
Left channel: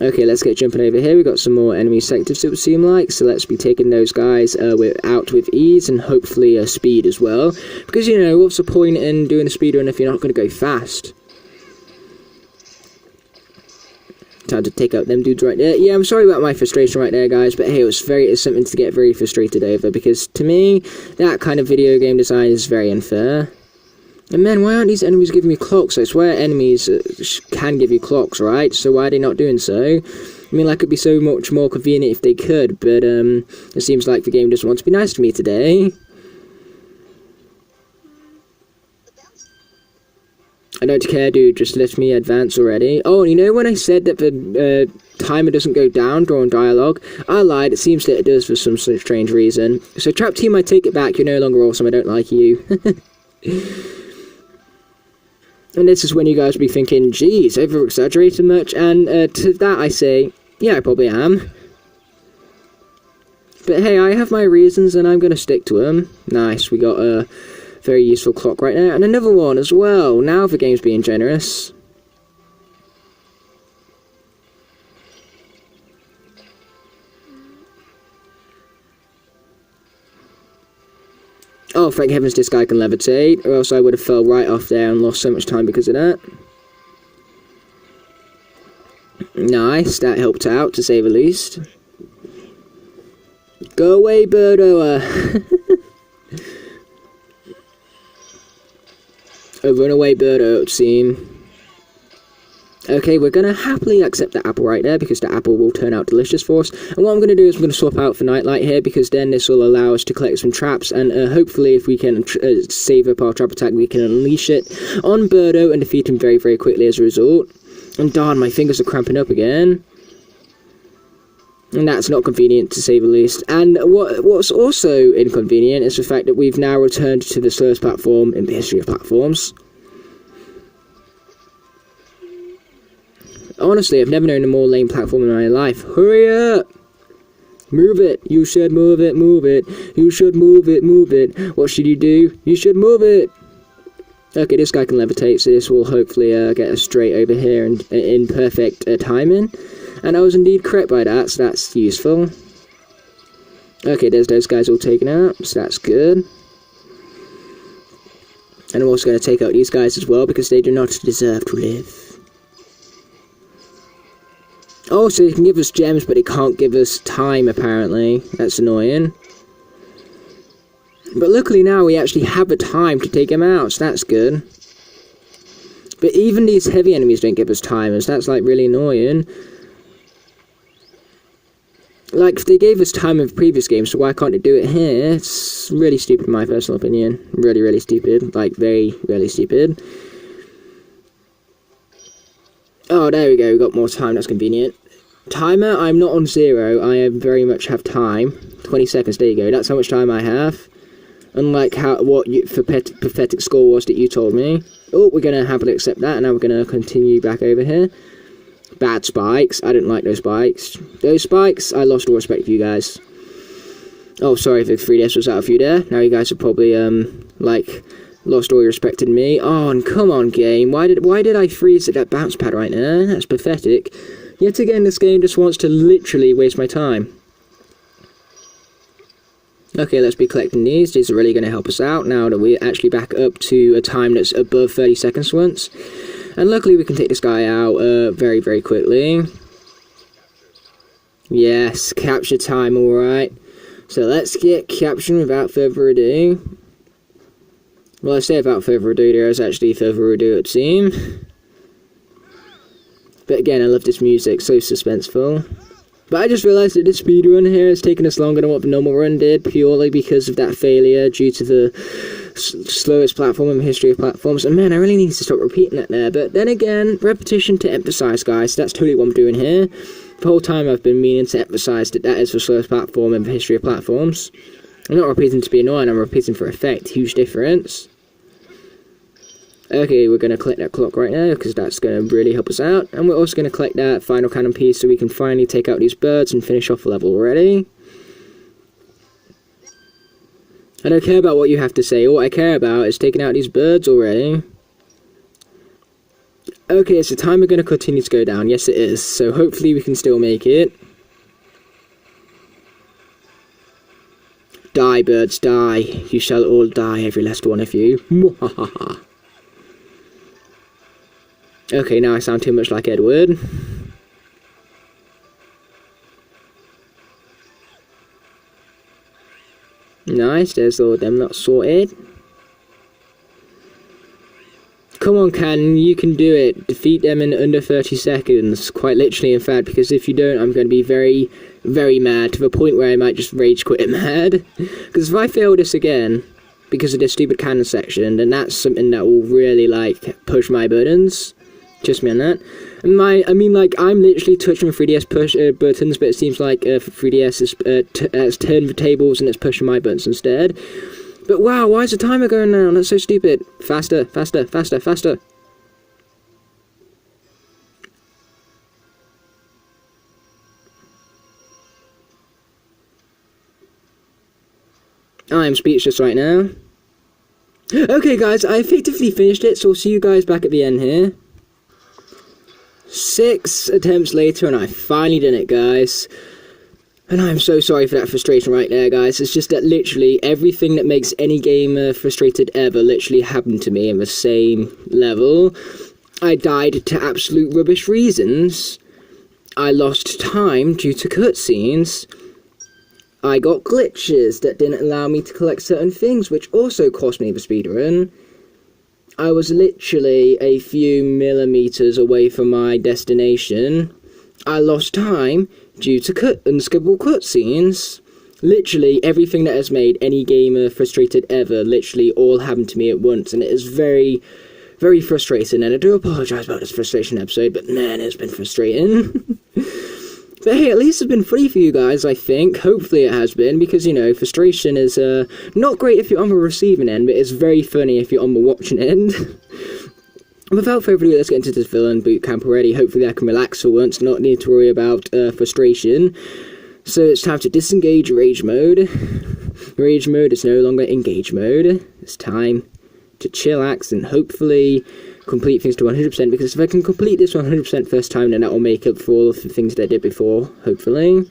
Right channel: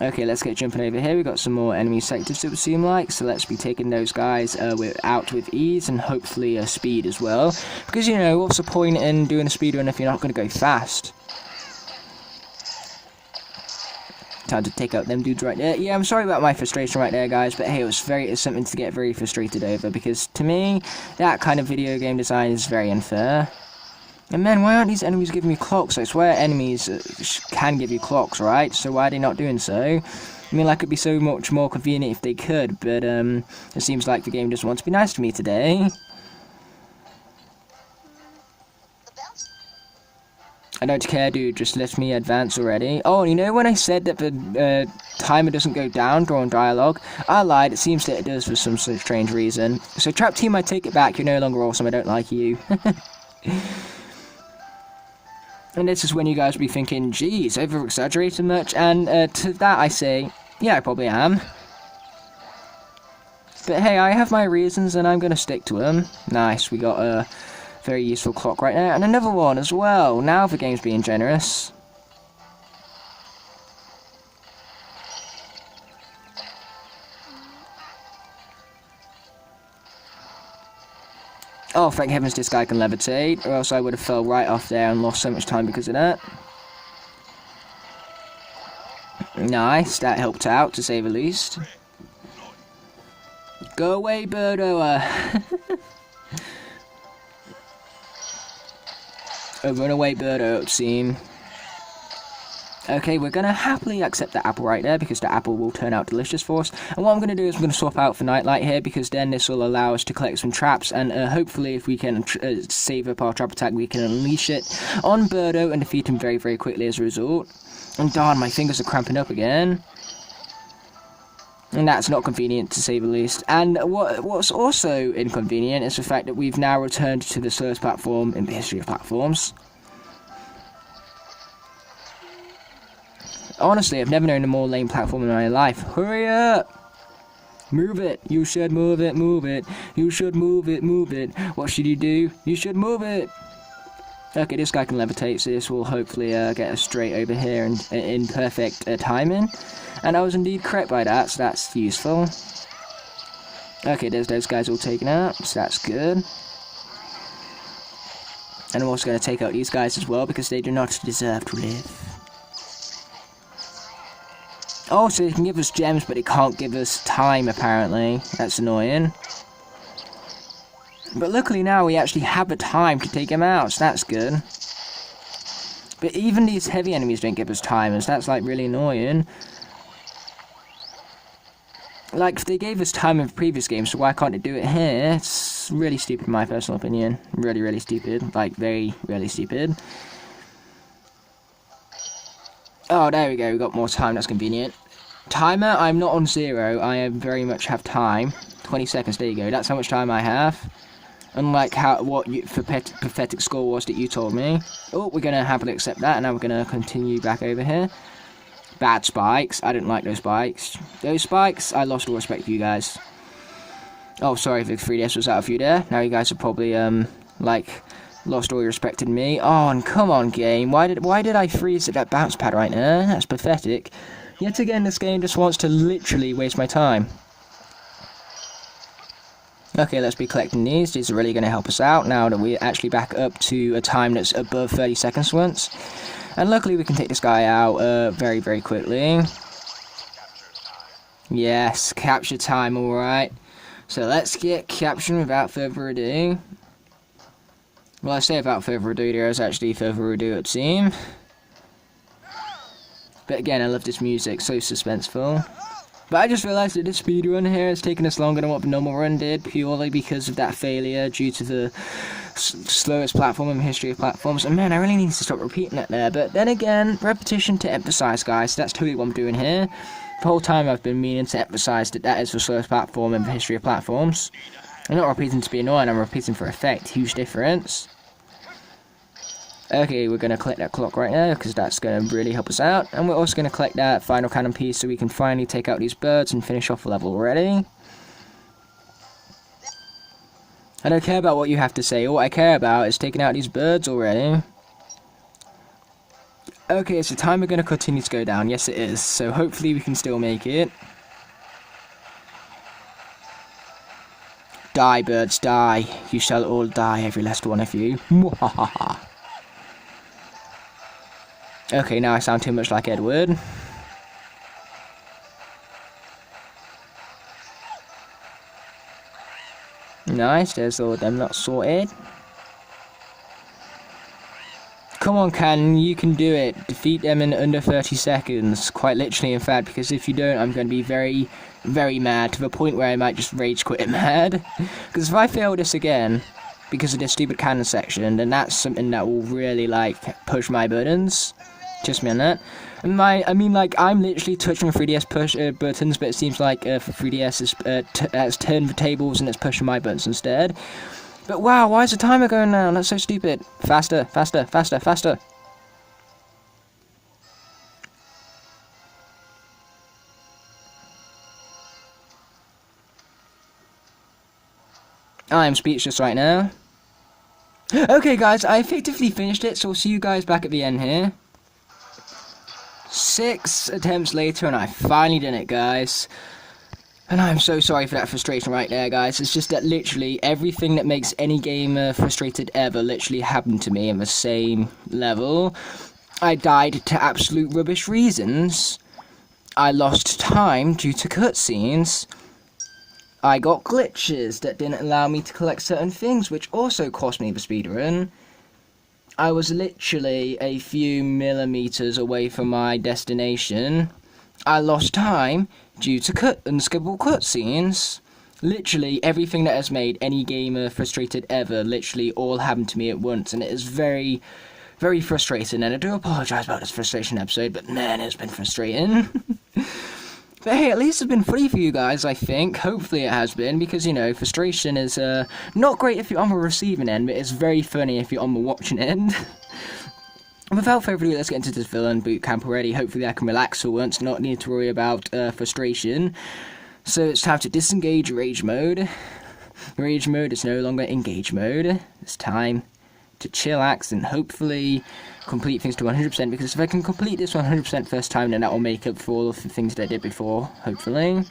Okay, let's get jumping over here. We've got some more enemy sectors, it would seem like, so let's be taking those guys out with ease and hopefully speed as well. Because, you know, what's the point in doing a speedrun if you're not going to go fast? Time to take out them dudes right there. Yeah, I'm sorry about my frustration right there, guys, but hey, it's something to get very frustrated over, because to me, that kind of video game design is very unfair. And man, why aren't these enemies giving me clocks? I swear enemies can give you clocks, right? So why are they not doing so? I mean, like, it'd be so much more convenient if they could, but it seems like the game doesn't want to be nice to me today. I don't care, dude, just let me advance already. Oh, you know when I said that the timer doesn't go down during dialogue? I lied, it seems that it does for some strange reason. So Trap Team, I take it back, you're no longer awesome, I don't like you. And this is when you guys will be thinking, geez, over-exaggerated much? And to that I say, yeah, I probably am. But hey, I have my reasons and I'm going to stick to them. Nice, we got a very useful clock right there. And another one as well. Now the game's being generous. Oh, thank heavens this guy can levitate, or else I would have fell right off there and lost so much time because of that. Nice, that helped out, to say the least. Go away, Birdo! Oh, run away, Birdo, it would seem. Okay, we're going to happily accept the apple right there, because the apple will turn out delicious for us. And what I'm going to do is I'm going to swap out for Nightlight here, because then this will allow us to collect some traps, and hopefully if we can save up our trap attack, we can unleash it on Birdo and defeat him very, very quickly as a result. And darn, my fingers are cramping up again. And that's not convenient, to say the least. And what's also inconvenient is the fact that we've now returned to the slowest platform in the history of platforms. Honestly, I've never known a more lame platform in my life. Hurry up! Move it! You should move it, move it! You should move it, move it! What should you do? You should move it! Okay, this guy can levitate, so this will hopefully get us straight over here and in perfect timing. And I was indeed correct by that, so that's useful. Okay, there's those guys all taken out, so that's good. And I'm also going to take out these guys as well, because they do not deserve to live. Oh, so it can give us gems, but it can't give us time, apparently. That's annoying. But luckily now we actually have the time to take them out, so that's good. But even these heavy enemies don't give us timers, that's like really annoying. Like, they gave us time in the previous game, so why can't they do it here? It's really stupid in my personal opinion. Really, really stupid. Like, very, really stupid. Oh, there we go, we got more time, that's convenient. Timer, I'm not on 0, I very much have time. 20 seconds, there you go, that's how much time I have. Unlike what pathetic score was that you told me. Oh, we're going to happily accept that, and now we're going to continue back over here. Bad spikes, I didn't like those spikes. Those spikes, I lost all respect for you guys. Oh, sorry if the 3DS was out of you there. Now you guys have probably, lost all your respect in me. Oh, and come on, game. Why did I freeze at that bounce pad right now? That's pathetic. Yet again, this game just wants to literally waste my time. Okay, let's be collecting these. These are really going to help us out now that we're actually back up to a time that's above 30 seconds once. And luckily we can take this guy out very, very quickly. Yes, capture time, alright. So let's get captured without further ado. Well, I say without further ado, there is actually further ado, it seems. But again, I love this music, so suspenseful. But I just realised that this speedrun here has taken us longer than what the normal run did, purely because of that failure due to the slowest platform in the history of platforms. And man, I really need to stop repeating that there. But then again, repetition to emphasise, guys. That's totally what I'm doing here. The whole time I've been meaning to emphasise that that is the slowest platform in the history of platforms. I'm not repeating to be annoying, I'm repeating for effect. Huge difference. Okay, we're going to collect that clock right now, because that's going to really help us out. And we're also going to collect that final cannon piece so we can finally take out these birds and finish off the level already. I don't care about what you have to say, all I care about is taking out these birds already. Okay, is the timer going to continue to go down? Yes it is, so hopefully we can still make it. Die, birds, die. You shall all die, every last one of you. Mwahaha. Okay, now I sound too much like Edward. Nice, there's all of them not sorted. Come on, Cannon, you can do it. Defeat them in under 30 seconds. Quite literally, in fact, because if you don't, I'm going to be very, very mad, to the point where I might just rage quit mad. Because if I fail this again, because of this stupid cannon section, and that's something that will really, like, push my buttons. Trust me on that. I mean, like, I'm literally touching my 3DS push buttons, but it seems like 3DS has turned the tables and it's pushing my buttons instead. But wow, why is the timer going down? That's so stupid. Faster, faster, faster, faster. I am speechless right now. Okay guys, I effectively finished it, so I'll see you guys back at the end here. 6 attempts later and I finally done it, guys. And I'm so sorry for that frustration right there, guys. It's just that literally everything that makes any gamer frustrated ever literally happened to me in the same level. I died to absolute rubbish reasons. I lost time due to cutscenes. I got glitches that didn't allow me to collect certain things, which also cost me the speedrun. I was literally a few millimeters away from my destination. I lost time due to unskippable cutscenes. Literally everything that has made any gamer frustrated ever literally all happened to me at once, and it is very, very frustrating, and I do apologise about this frustration episode, but man, it's been frustrating. But hey, at least it's been funny for you guys, I think. Hopefully it has been, because, you know, frustration is not great if you're on the receiving end, but it's very funny if you're on the watching end. Without further ado, let's get into this villain boot camp already. Hopefully I can relax for once, not need to worry about frustration. So it's time to disengage rage mode. Rage mode is no longer engage mode. It's time to chillax and hopefully complete things to 100%, because if I can complete this 100% first time, then that will make up for all of the things that I did before, hopefully.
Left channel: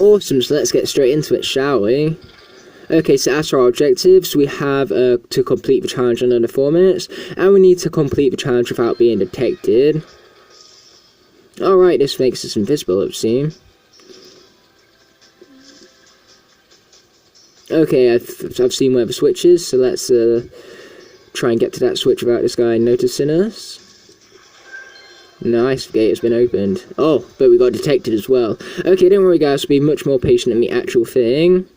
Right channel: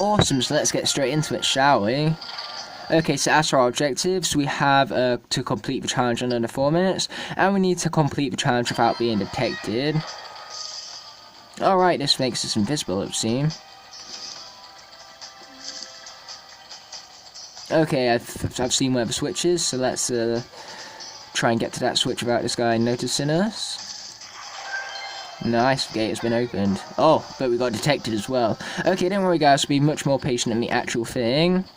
Awesome, so let's get straight into it, shall we? Okay, so as for our objectives, we have to complete the challenge in under 4 minutes, and we need to complete the challenge without being detected. Alright, this makes us invisible, it would seem. Okay, I've seen where the switch is, so let's try and get to that switch without this guy noticing us. Nice, the gate has been opened. Oh, but we got detected as well. Okay, don't worry guys, we'll be much more patient in the actual thing.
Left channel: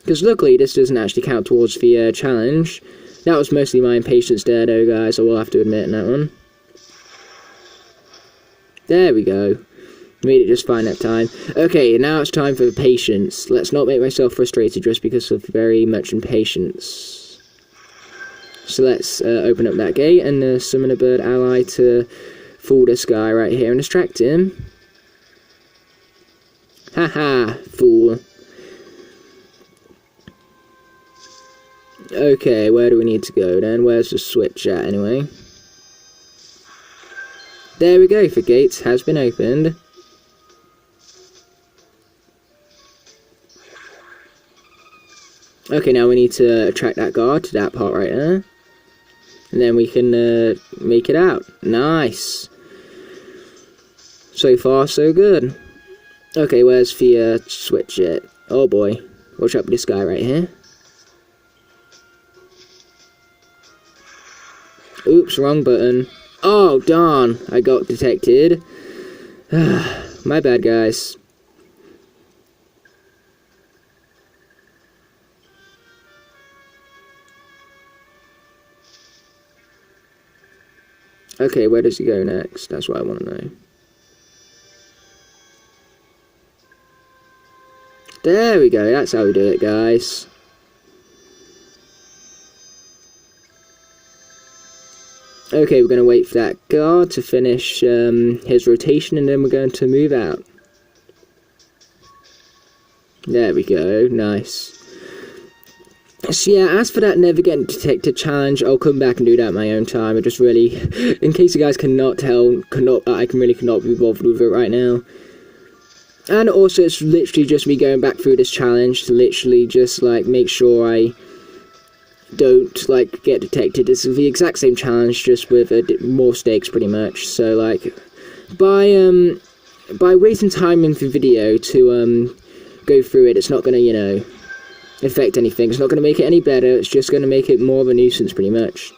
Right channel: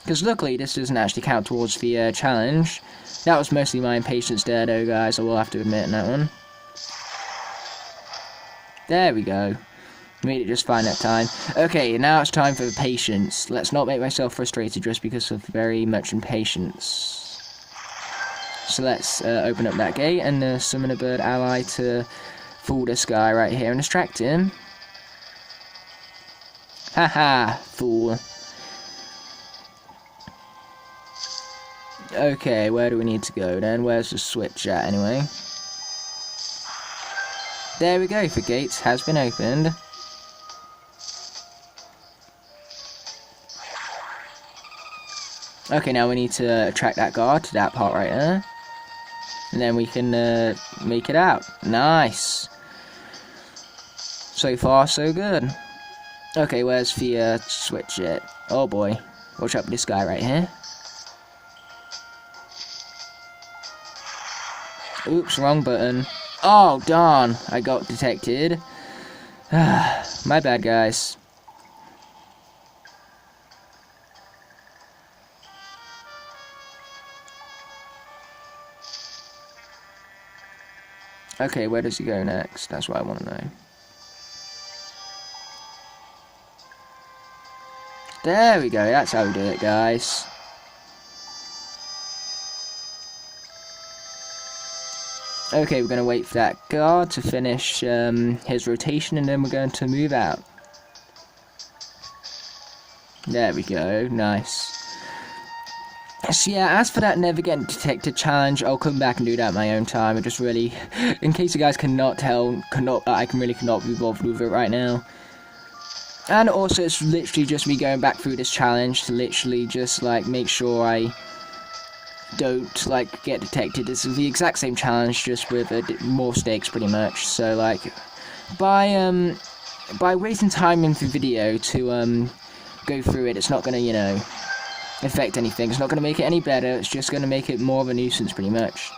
Because luckily, this doesn't actually count towards the challenge. That was mostly my impatience there though, guys, I will have to admit in that one. There we go. Made it just fine that time. Okay, now it's time for the patience. Let's not make myself frustrated just because of very much impatience. So let's open up that gate and summon a bird ally to fool this guy right here and distract him. Haha, fool. Okay, where do we need to go then? Where's the switch at anyway? There we go, the gate has been opened. Okay, now we need to attract that guard to that part right there. And then we can make it out. Nice. So far, so good. Okay, where's the switch at? Oh boy. Watch out with this guy right here. Oops, wrong button. Oh, darn. I got detected. My bad, guys. Okay, where does he go next? That's what I want to know. There we go, that's how we do it, guys. Okay, we're going to wait for that guard to finish his rotation, and then we're going to move out. There we go, nice. So yeah, as for that never getting detected challenge, I'll come back and do that at my own time. I just really, in case you guys cannot tell, I really cannot be bothered with it right now. And also, it's literally just me going back through this challenge to literally just, like, make sure I don't, like, get detected. It's the exact same challenge, just with more stakes, pretty much. So, like, by wasting time in the video to, go through it, it's not gonna, you know, affect anything. It's not gonna make it any better. It's just gonna make it more of a nuisance, pretty much.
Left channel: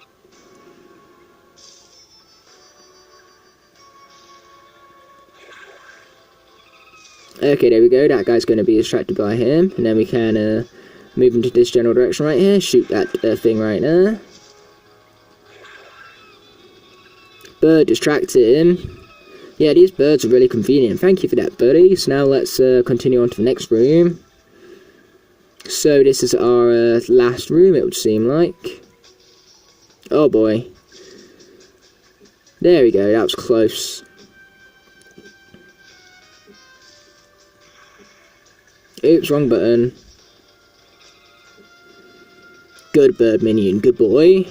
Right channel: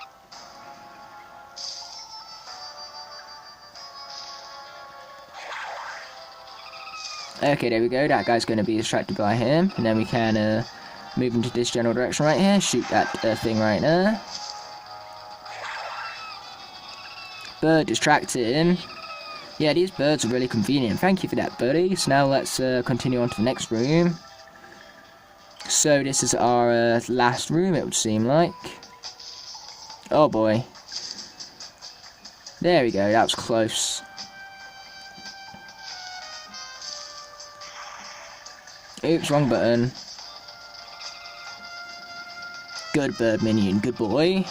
Okay, there we go. That guy's going to be distracted by him. And then we can move into this general direction right here. Shoot that thing right there. Bird distracted him. Yeah, these birds are really convenient. Thank you for that, buddy. So now let's continue on to the next room. So this is our last room, it would seem like. Oh boy. There we go, that was close. Oops, wrong button. Good bird minion, good boy.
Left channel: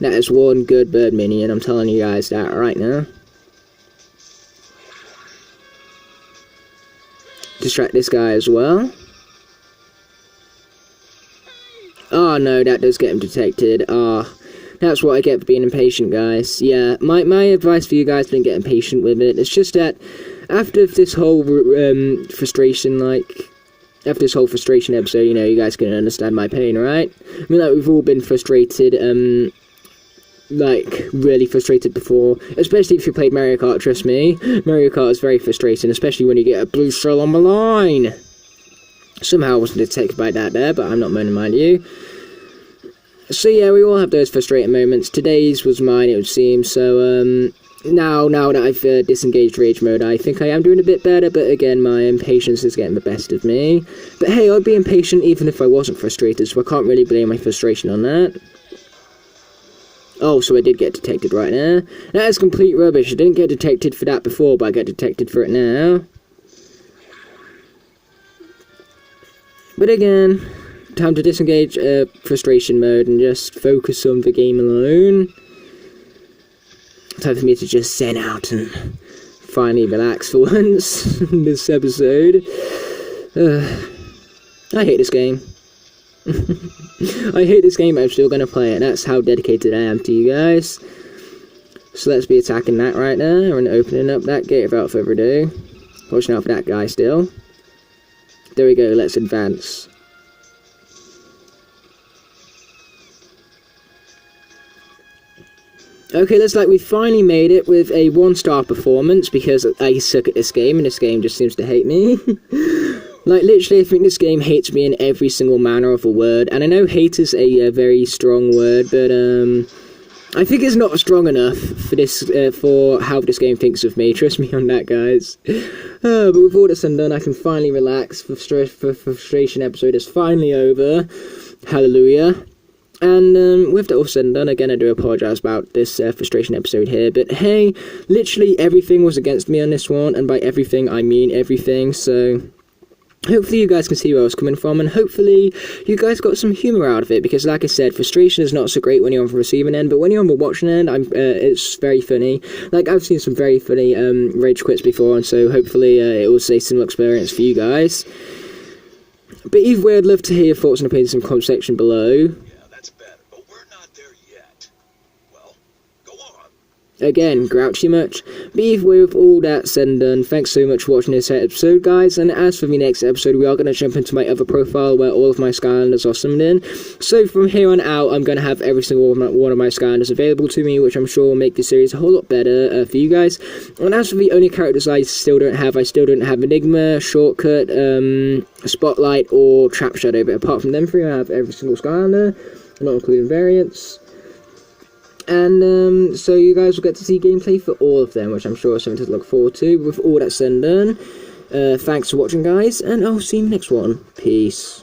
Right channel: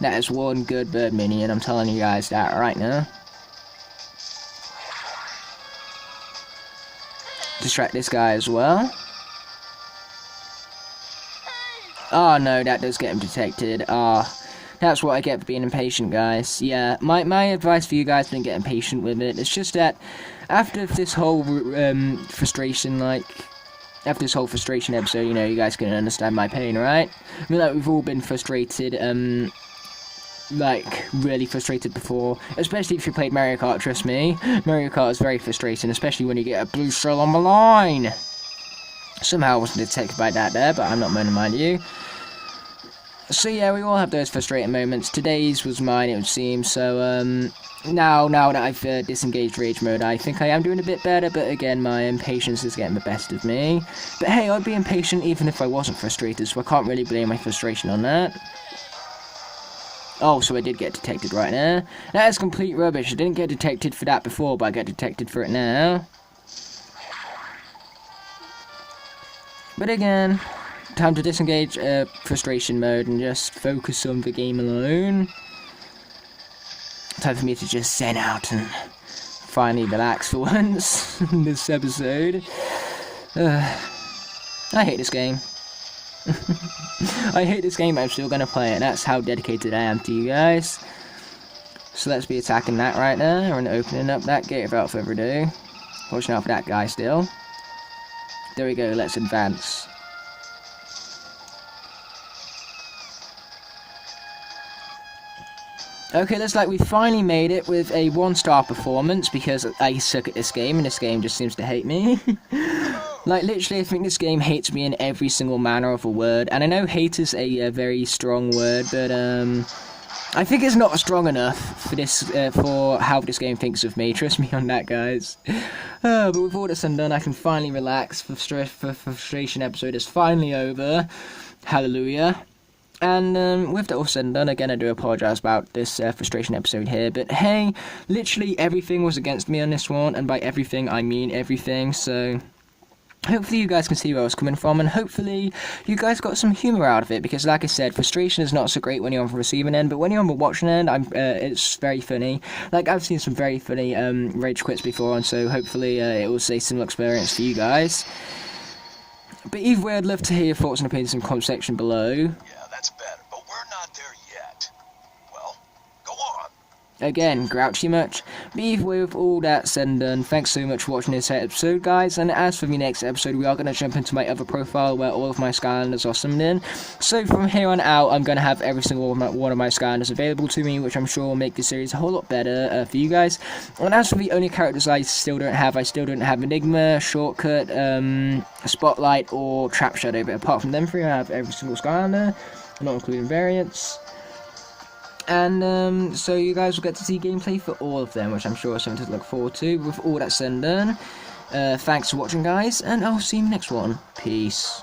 That is one good bird minion, I'm telling you guys that right now. Distract this guy as well. Oh no, that does get him detected. Ah, that's what I get for being impatient, guys. Yeah, my advice for you guys has been getting patient with it. It's just that after this whole frustration, after this whole frustration episode, you know, you guys can understand my pain, right? I mean, like, we've all been frustrated, like, really frustrated before, especially if you played Mario Kart, trust me. Mario Kart is very frustrating, especially when you get a blue shell on the line. Somehow I wasn't detected by that there, but I'm not going to mind you. So yeah, we all have those frustrating moments. Today's was mine, it would seem, so, now that I've disengaged rage mode, I think I am doing a bit better, but again, my impatience is getting the best of me. But hey, I'd be impatient even if I wasn't frustrated, so I can't really blame my frustration on that. Oh, so I did get detected right there. That is complete rubbish. I didn't get detected for that before, but I get detected for it now. But again, time to disengage frustration mode and just focus on the game alone. Time for me to just zen out and finally relax for once in this episode. I hate this game. I hate this game, but I'm still going to play it. That's how dedicated I am to you guys. So let's be attacking that right now and opening up that gate without further ado. Watching out for that guy still. There we go, let's advance. Okay, looks like we finally made it with a 1-star performance because I suck at this game and this game just seems to hate me. Like, literally, I think this game hates me in every single manner of a word. And I know hate is a very strong word, but I think it's not strong enough for this for how this game thinks of me. Trust me on that, guys. But with all this done, I can finally relax. The frustration episode is finally over. Hallelujah. And with that all said and done, again, I do apologise about this frustration episode here, but hey, literally everything was against me on this one, and by everything, I mean everything, so hopefully you guys can see where I was coming from, and hopefully you guys got some humour out of it, because like I said, frustration is not so great when you're on the receiving end, but when you're on the watching end, it's very funny. Like, I've seen some very funny rage quits before, and so hopefully it will say some experience for you guys. But either way, I'd love to hear your thoughts and opinions in the comment section below. Again, grouchy much. But either way, with all that said and done, thanks so much for watching this episode, guys. And as for the next episode, we are going to jump into my other profile where all of my Skylanders are summoned in. So from here on out, I'm going to have every single one of my Skylanders available to me, which I'm sure will make the series a whole lot better for you guys. And as for the only characters I still don't have Enigma, Shortcut, Spotlight, or Trap Shadow. But apart from them three, I have every single Skylander, not including variants. And so you guys will get to see gameplay for all of them, which I'm sure is something to look forward to. With all that said and done, thanks for watching, guys, and I'll see you in the next one. Peace.